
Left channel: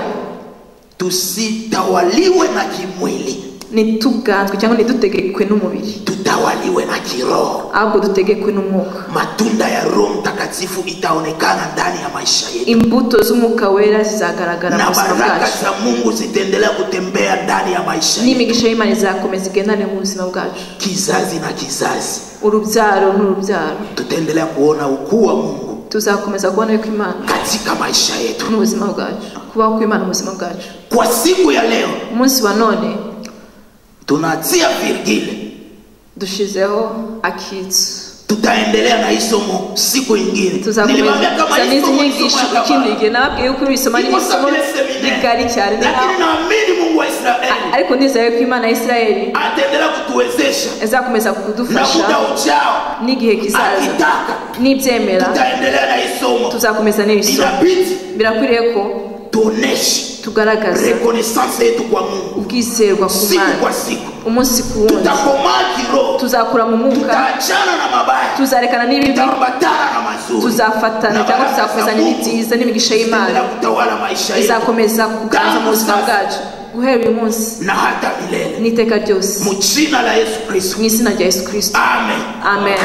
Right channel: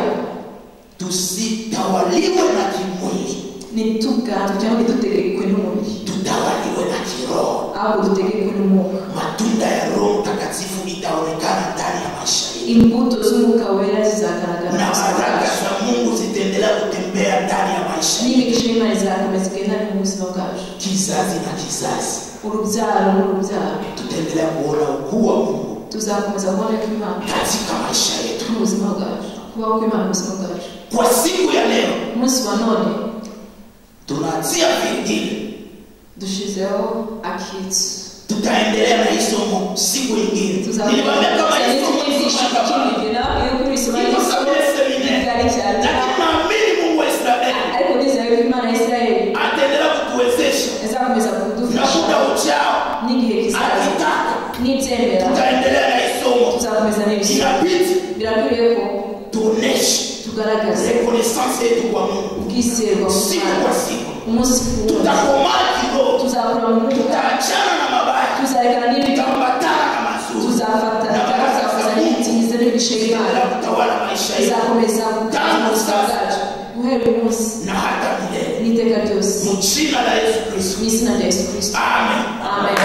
Tusitawaliwe na kimwili, Ntituganzwe cyangwa ntidutegekwe n'umubiri, tutawaliwe na kiroho. ahubwo dutegekwe n'umwuka. Matunda ya Roho Mtakatifu itaonekana ndani ya maisha yetu, Imbuto z'umwuka wera zizagaragara mu na buzima baraka bwacu, za Mungu zitaendelea kutembea ndani ya maisha yetu, n'imigisha y'Imana izakomeza igendane mu buzima bwacu. kizazi na kizazi. Urubyaro n'urubyaro Tutaendelea kuona ukuu wa Mungu tuzakomeza kubona yuko Imana katika maisha yetu. mu buzima bwacu, kubaho kw'Imana mu buzima bwacu. Kwa siku ya leo Umunsi wa none tunatia virgili, dushizeho akitso. tutaendelea na hii somo siku nyingine. Nilimwambia kama hii somo ni somo ya kabla, ikindi nabwiye ko ibisoma ni iko isomo sabile seminari, rigari cyane, lakini naamini Mungu wa Israeli ariko nizeye ko Imana ya Isirayeli ataendelea kutuwezesha, izakomeza na kudufasha muda ujao n'igihe kizaza. akitaka Nibyemera tutaendelea na hii somo. tuzakomeza n'ibisomo. Inabidi Birakwiriye ko tuoneshe tugaragaze reconnaissance yetu kwa Mungu ubwizerwa ku siku Mana, kwa siku. umunsi ku wundi. Tutakomaa kiroho, Tuzakura mu mwuka, tutaachana na mabaya, tuzarekana n'ibibi, tutaambatana na mazuri, tuzafatana cyangwa tuzakomeza n'ibyiza n'imigisha y'Imana itaendelea kutawala maisha yetu izakomeza kuganza mu buzima bwacu guhera uyu munsi na hata milele, n'iteka ryose, mu jina la Yesu Kristo. mu izina rya Yesu Kristo. Amen. Amen.